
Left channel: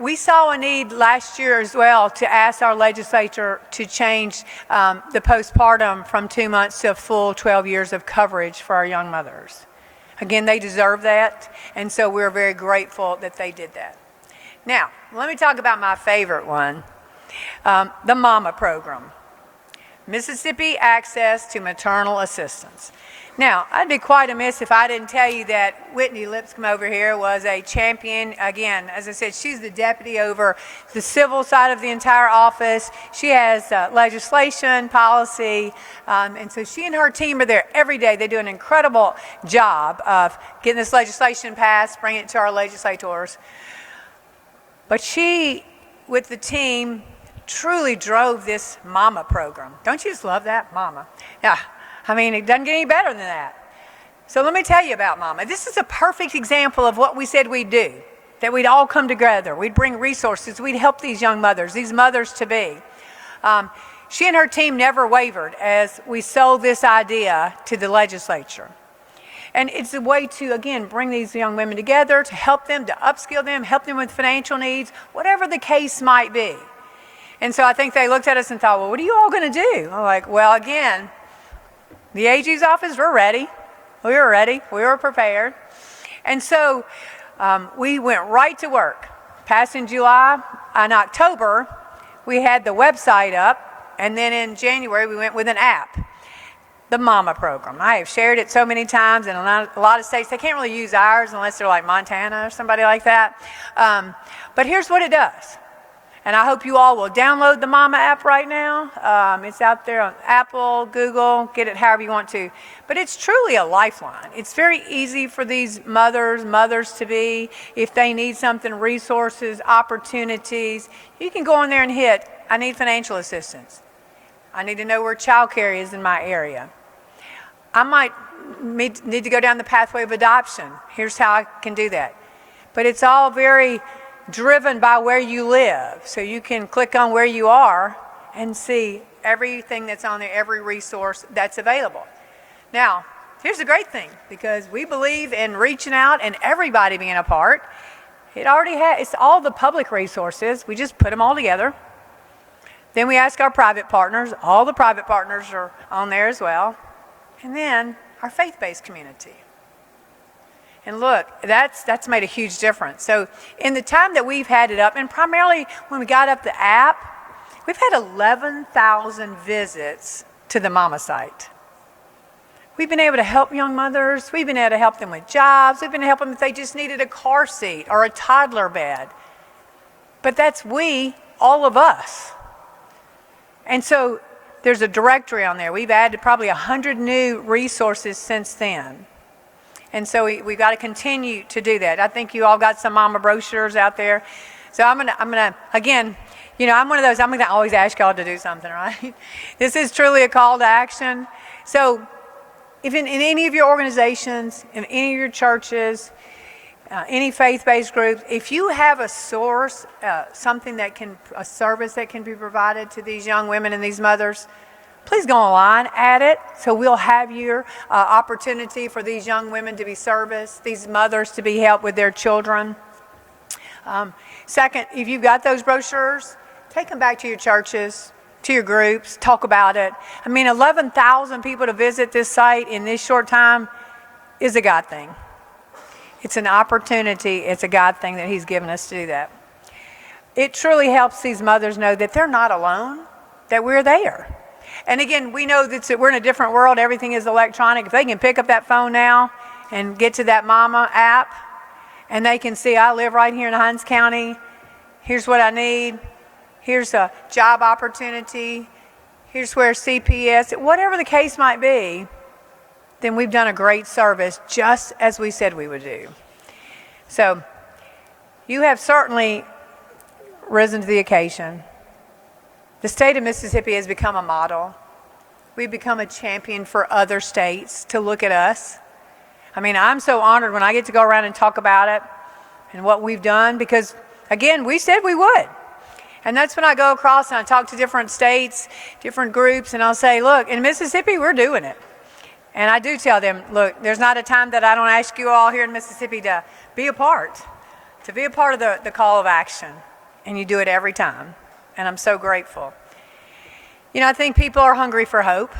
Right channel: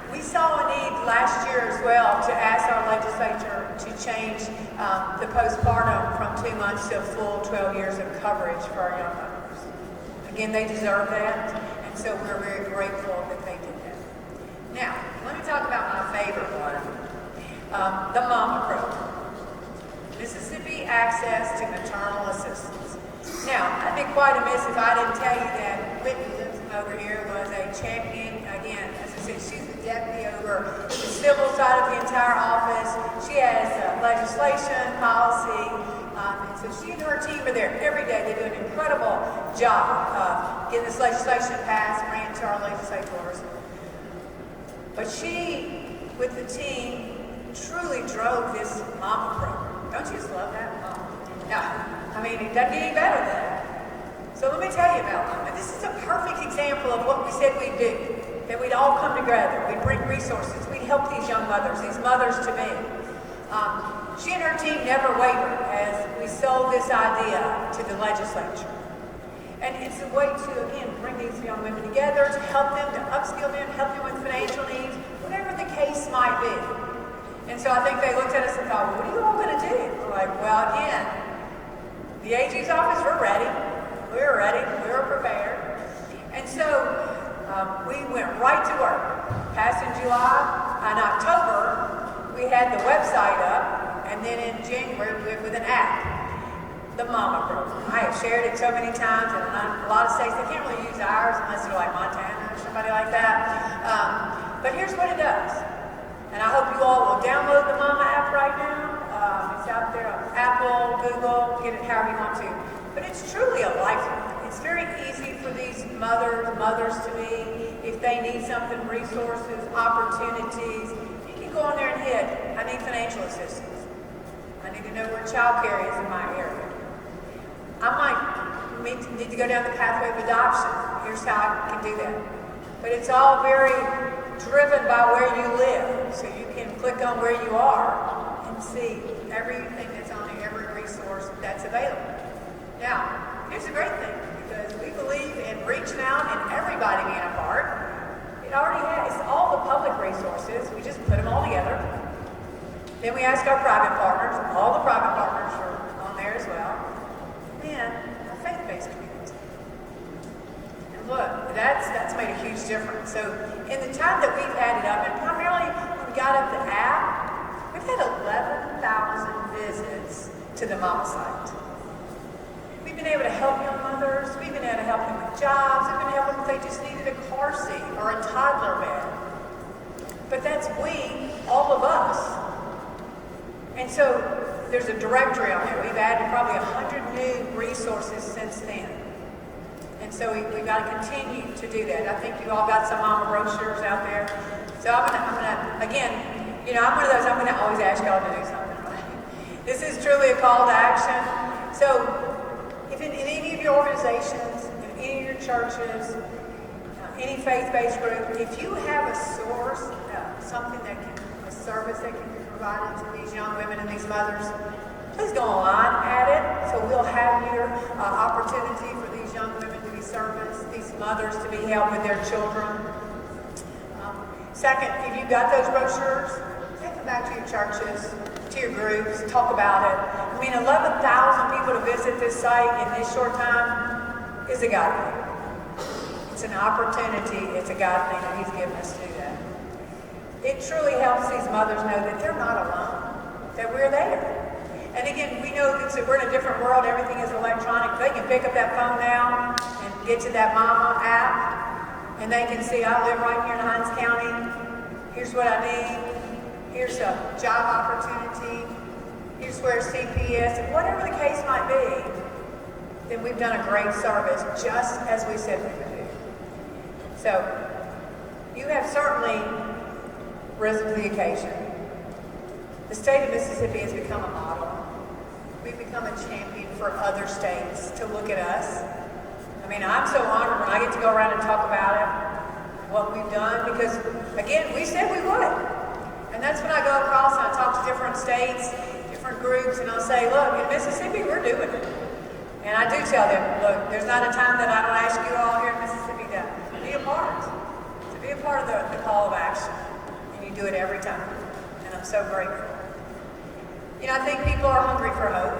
We saw a need last year as well to ask our legislature to change the postpartum from 2 months to a full 12 years of coverage for our young mothers. Again, they deserve that, and so we're very grateful that they did that. Now, let me talk about my favorite one, the MAMA program, Mississippi Access to Maternal Assistance. Now, I'd be quite amiss if I didn't tell you that Whitney Lipscomb over here was a champion. Again, as I said, she's the deputy over the civil side of the entire office. She has legislation, policy, and so she and her team are there every day. They do an incredible job of getting this legislation passed, bringing it to our legislators. But she, with the team, truly drove this MAMA program. Don't you just love that, MAMA? Yeah. I mean, it doesn't get any better than that. So let me tell you about MAMA. This is a perfect example of what we said we'd do, that we'd all come together, we'd bring resources, we'd help these young mothers, these mothers-to-be. She and her team never wavered as we sold this idea to the legislature. And it's a way to, again, bring these young women together, to help them, to upskill them, help them with financial needs, whatever the case might be. And so I think they looked at us and thought, well, what are you all going to do? I'm like, well, again, the AG's office, we're ready. We were ready. We were prepared. And so we went right to work. Passed in July. In October, we had the website up. And then in January, we went with an app, the MAMA program. I have shared it so many times, and a lot of states, they can't really use ours unless they're like Montana or somebody like that. But here's what it does. And I hope you all will download the MAMA app right now. It's out there on Apple, Google, get it however you want to. But it's truly a lifeline. It's very easy for these mothers-to-be, if they need something, resources, opportunities. You can go in there and hit, I need financial assistance. I need to know where childcare is in my area. I might need to go down the pathway of adoption. Here's how I can do that. But it's all very driven by where you live. So you can click on where you are and see everything that's on there, every resource that's available. Now, here's the great thing, because we believe in reaching out and everybody being a part. It already has, it's all the public resources. We just put them all together. Then we ask our private partners. All the private partners are on there as well. And then our faith-based community. And look, that's made a huge difference. So in the time that we've had it up, and primarily when we got up the app, we've had 11,000 visits to the MAMA site. We've been able to help young mothers. We've been able to help them with jobs. We've been able to help them if they just needed a car seat or a toddler bed. But that's all of us. And so there's a directory on there. We've added probably 100 new resources since then. And so we got to continue to do that. I think you all got some MAMA brochures out there. So I'm gonna again, I'm one of those, I'm gonna always ask y'all to do something, right? This is truly a call to action. So even in any of your organizations, in any of your churches, any faith-based group, if you have a source, a service that can be provided to these young women and these mothers, please go online, add it, so we'll have your opportunity for these young women to be serviced, these mothers to be helped with their children. Second, if you've got those brochures, take them back to your churches, to your groups, talk about it. I mean, 11,000 people to visit this site in this short time is a God thing. It's an opportunity, it's a God thing that He's given us to do that. It truly helps these mothers know that they're not alone, that we're there. And again, we know that we're in a different world, everything is electronic. If they can pick up that phone now and get to that MAMA app, and they can see, I live right here in Hinds County, here's what I need, here's a job opportunity, here's where CPS, whatever the case might be, then we've done a great service just as we said we would do. So, you have certainly risen to the occasion. The state of Mississippi has become a model. We've become a champion for other states to look at us. I mean, I'm so honored when I get to go around and talk about it and what we've done because, again, we said we would. And that's when I go across and I talk to different states, different groups, and I'll say, look, in Mississippi, we're doing it. And I do tell them, look, there's not a time that I don't ask you all here in Mississippi to be a part of the call of action. And you do it every time. And I'm so grateful. You know, I think people are hungry for hope.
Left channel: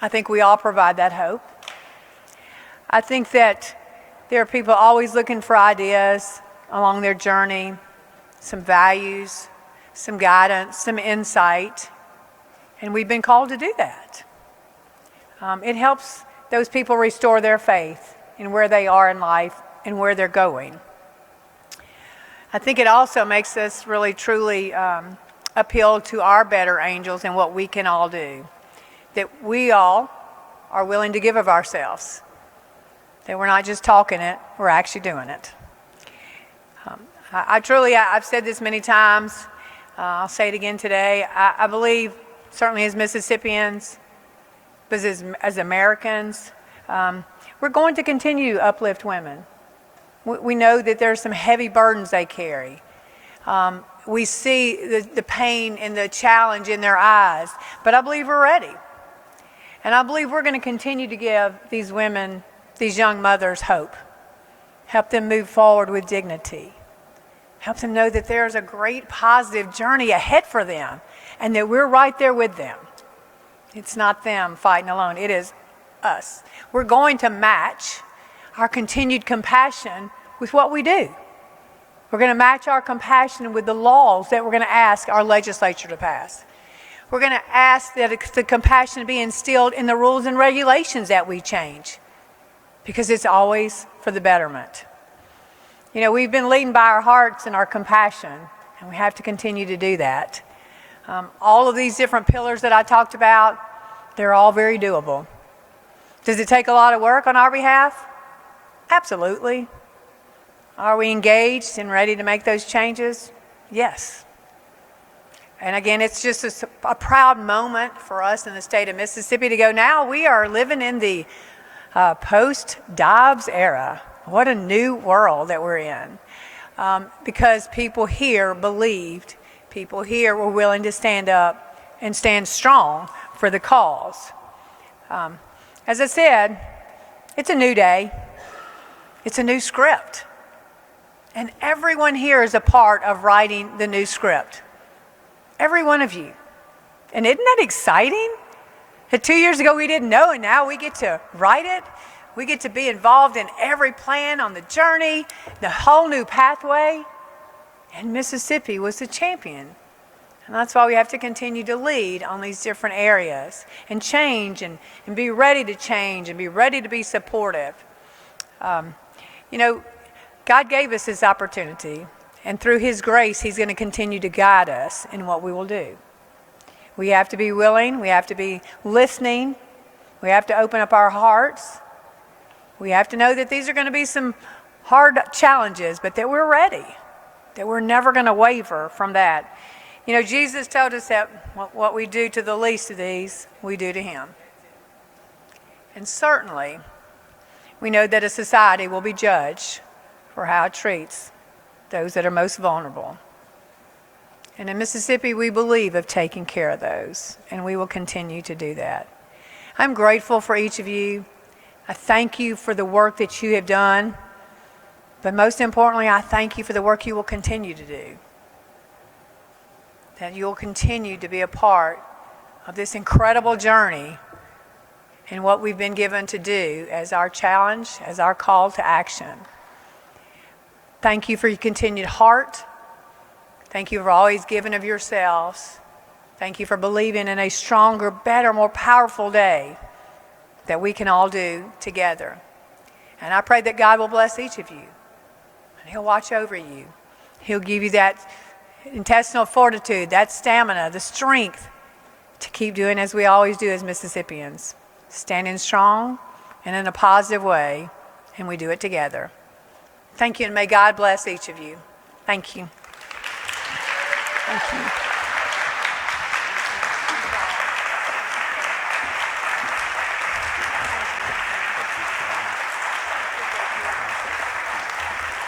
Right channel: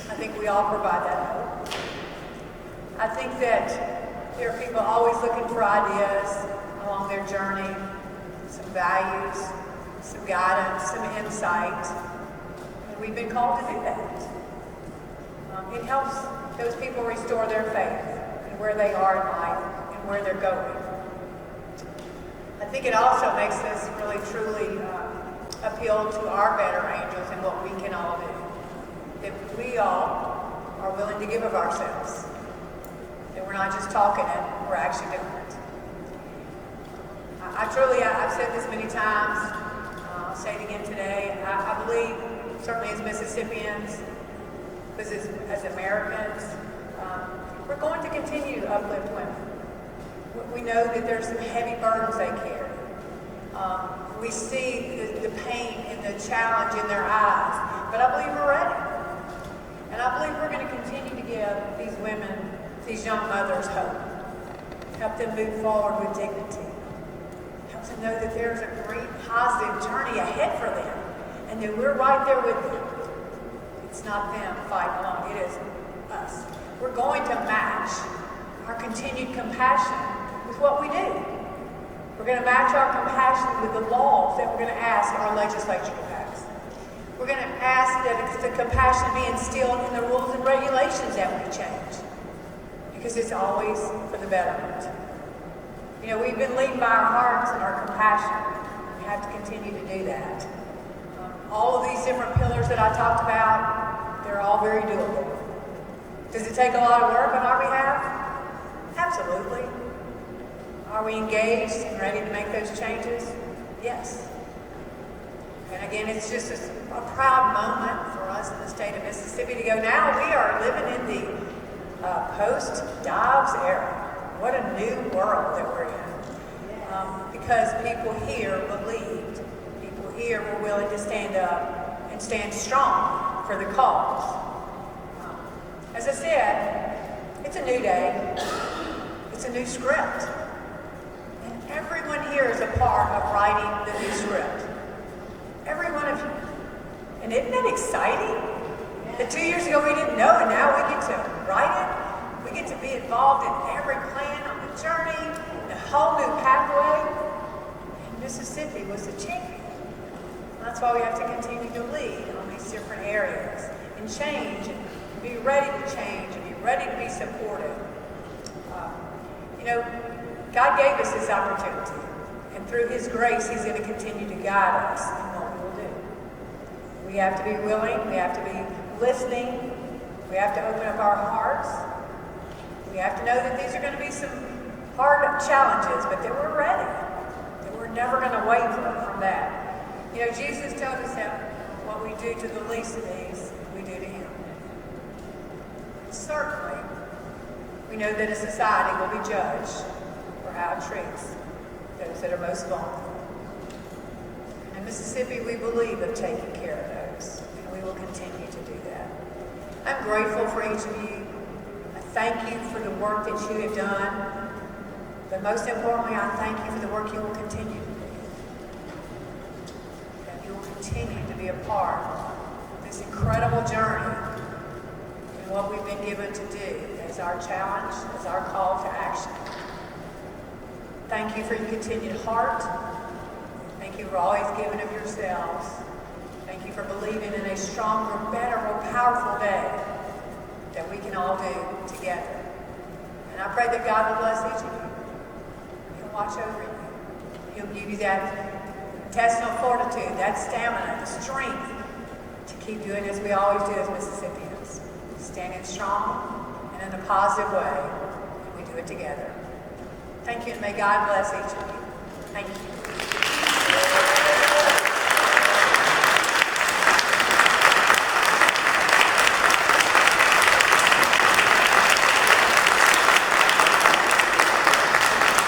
I think we all provide that hope. I think that there are people always looking for ideas along their journey, some values, some guidance, some insight. And we've been called to do that. It helps those people restore their faith in where they are in life and where they're going. I think it also makes us really truly appeal to our better angels and what we can all do. That we all are willing to give of ourselves. That we're not just talking it, we're actually doing it. I've said this many times, I'll say it again today, I believe, certainly as Mississippians, but as Americans, we're going to continue to uplift women. We know that there's some heavy burdens they carry. We see the pain and the challenge in their eyes, but I believe we're ready. And I believe we're going to continue to give these women, these young mothers, hope. Help them move forward with dignity. Help them know that there's a great positive journey ahead for them and that we're right there with them. It's not them fighting alone, it is us. We're going to match our continued compassion with what we do. We're going to match our compassion with the laws that we're going to ask our legislature to pass. We're going to ask that the compassion be instilled in the rules and regulations that we change, because it's always for the betterment. You know, we've been leading by our hearts and our compassion, and we have to continue to do that. All of these different pillars that I talked about, they're all very doable. Does it take a lot of work on our behalf? Absolutely. Are we engaged and ready to make those changes? Yes. And again, it's just a proud moment for us in the state of Mississippi to go, now we are living in the post-Dobbs era. What a new world that we're in. Because people here believed, people here were willing to stand up and stand strong for the cause. As I said, it's a new day. It's a new script. And everyone here is a part of writing the new script. Every one of you. And isn't that exciting? That 2 years ago we didn't know, and now we get to write it. We get to be involved in every plan on the journey, the whole new pathway. And Mississippi was the champion. And that's why we have to continue to lead on these different areas and change and be ready to change and be ready to be supportive. You know, God gave us this opportunity, and through His grace, He's going to continue to guide us in what we will do. We have to be willing, we have to be listening, we have to open up our hearts. We have to know that these are going to be some hard challenges, but that we're ready, that we're never going to waver from that. You know, Jesus told us that what we do to the least of these, we do to Him. And certainly, we know that a society will be judged for how it treats those that are most vulnerable. And in Mississippi, we believe of taking care of those, and we will continue to do that. I'm grateful for each of you. I thank you for the work that you have done, but most importantly, I thank you for the work you will continue to do. That you'll continue to be a part of this incredible journey in what we've been given to do as our challenge, as our call to action. Thank you for your continued heart. Thank you for always giving of yourselves. Thank you for believing in a stronger, better, more powerful day that we can all do together. And I pray that God will bless each of you. He'll watch over you. He'll give you that intestinal fortitude, that stamina, the strength to keep doing as we always do as Mississippians, standing strong and in a positive way, and we do it together. Thank you, and may God bless each of you. Thank you.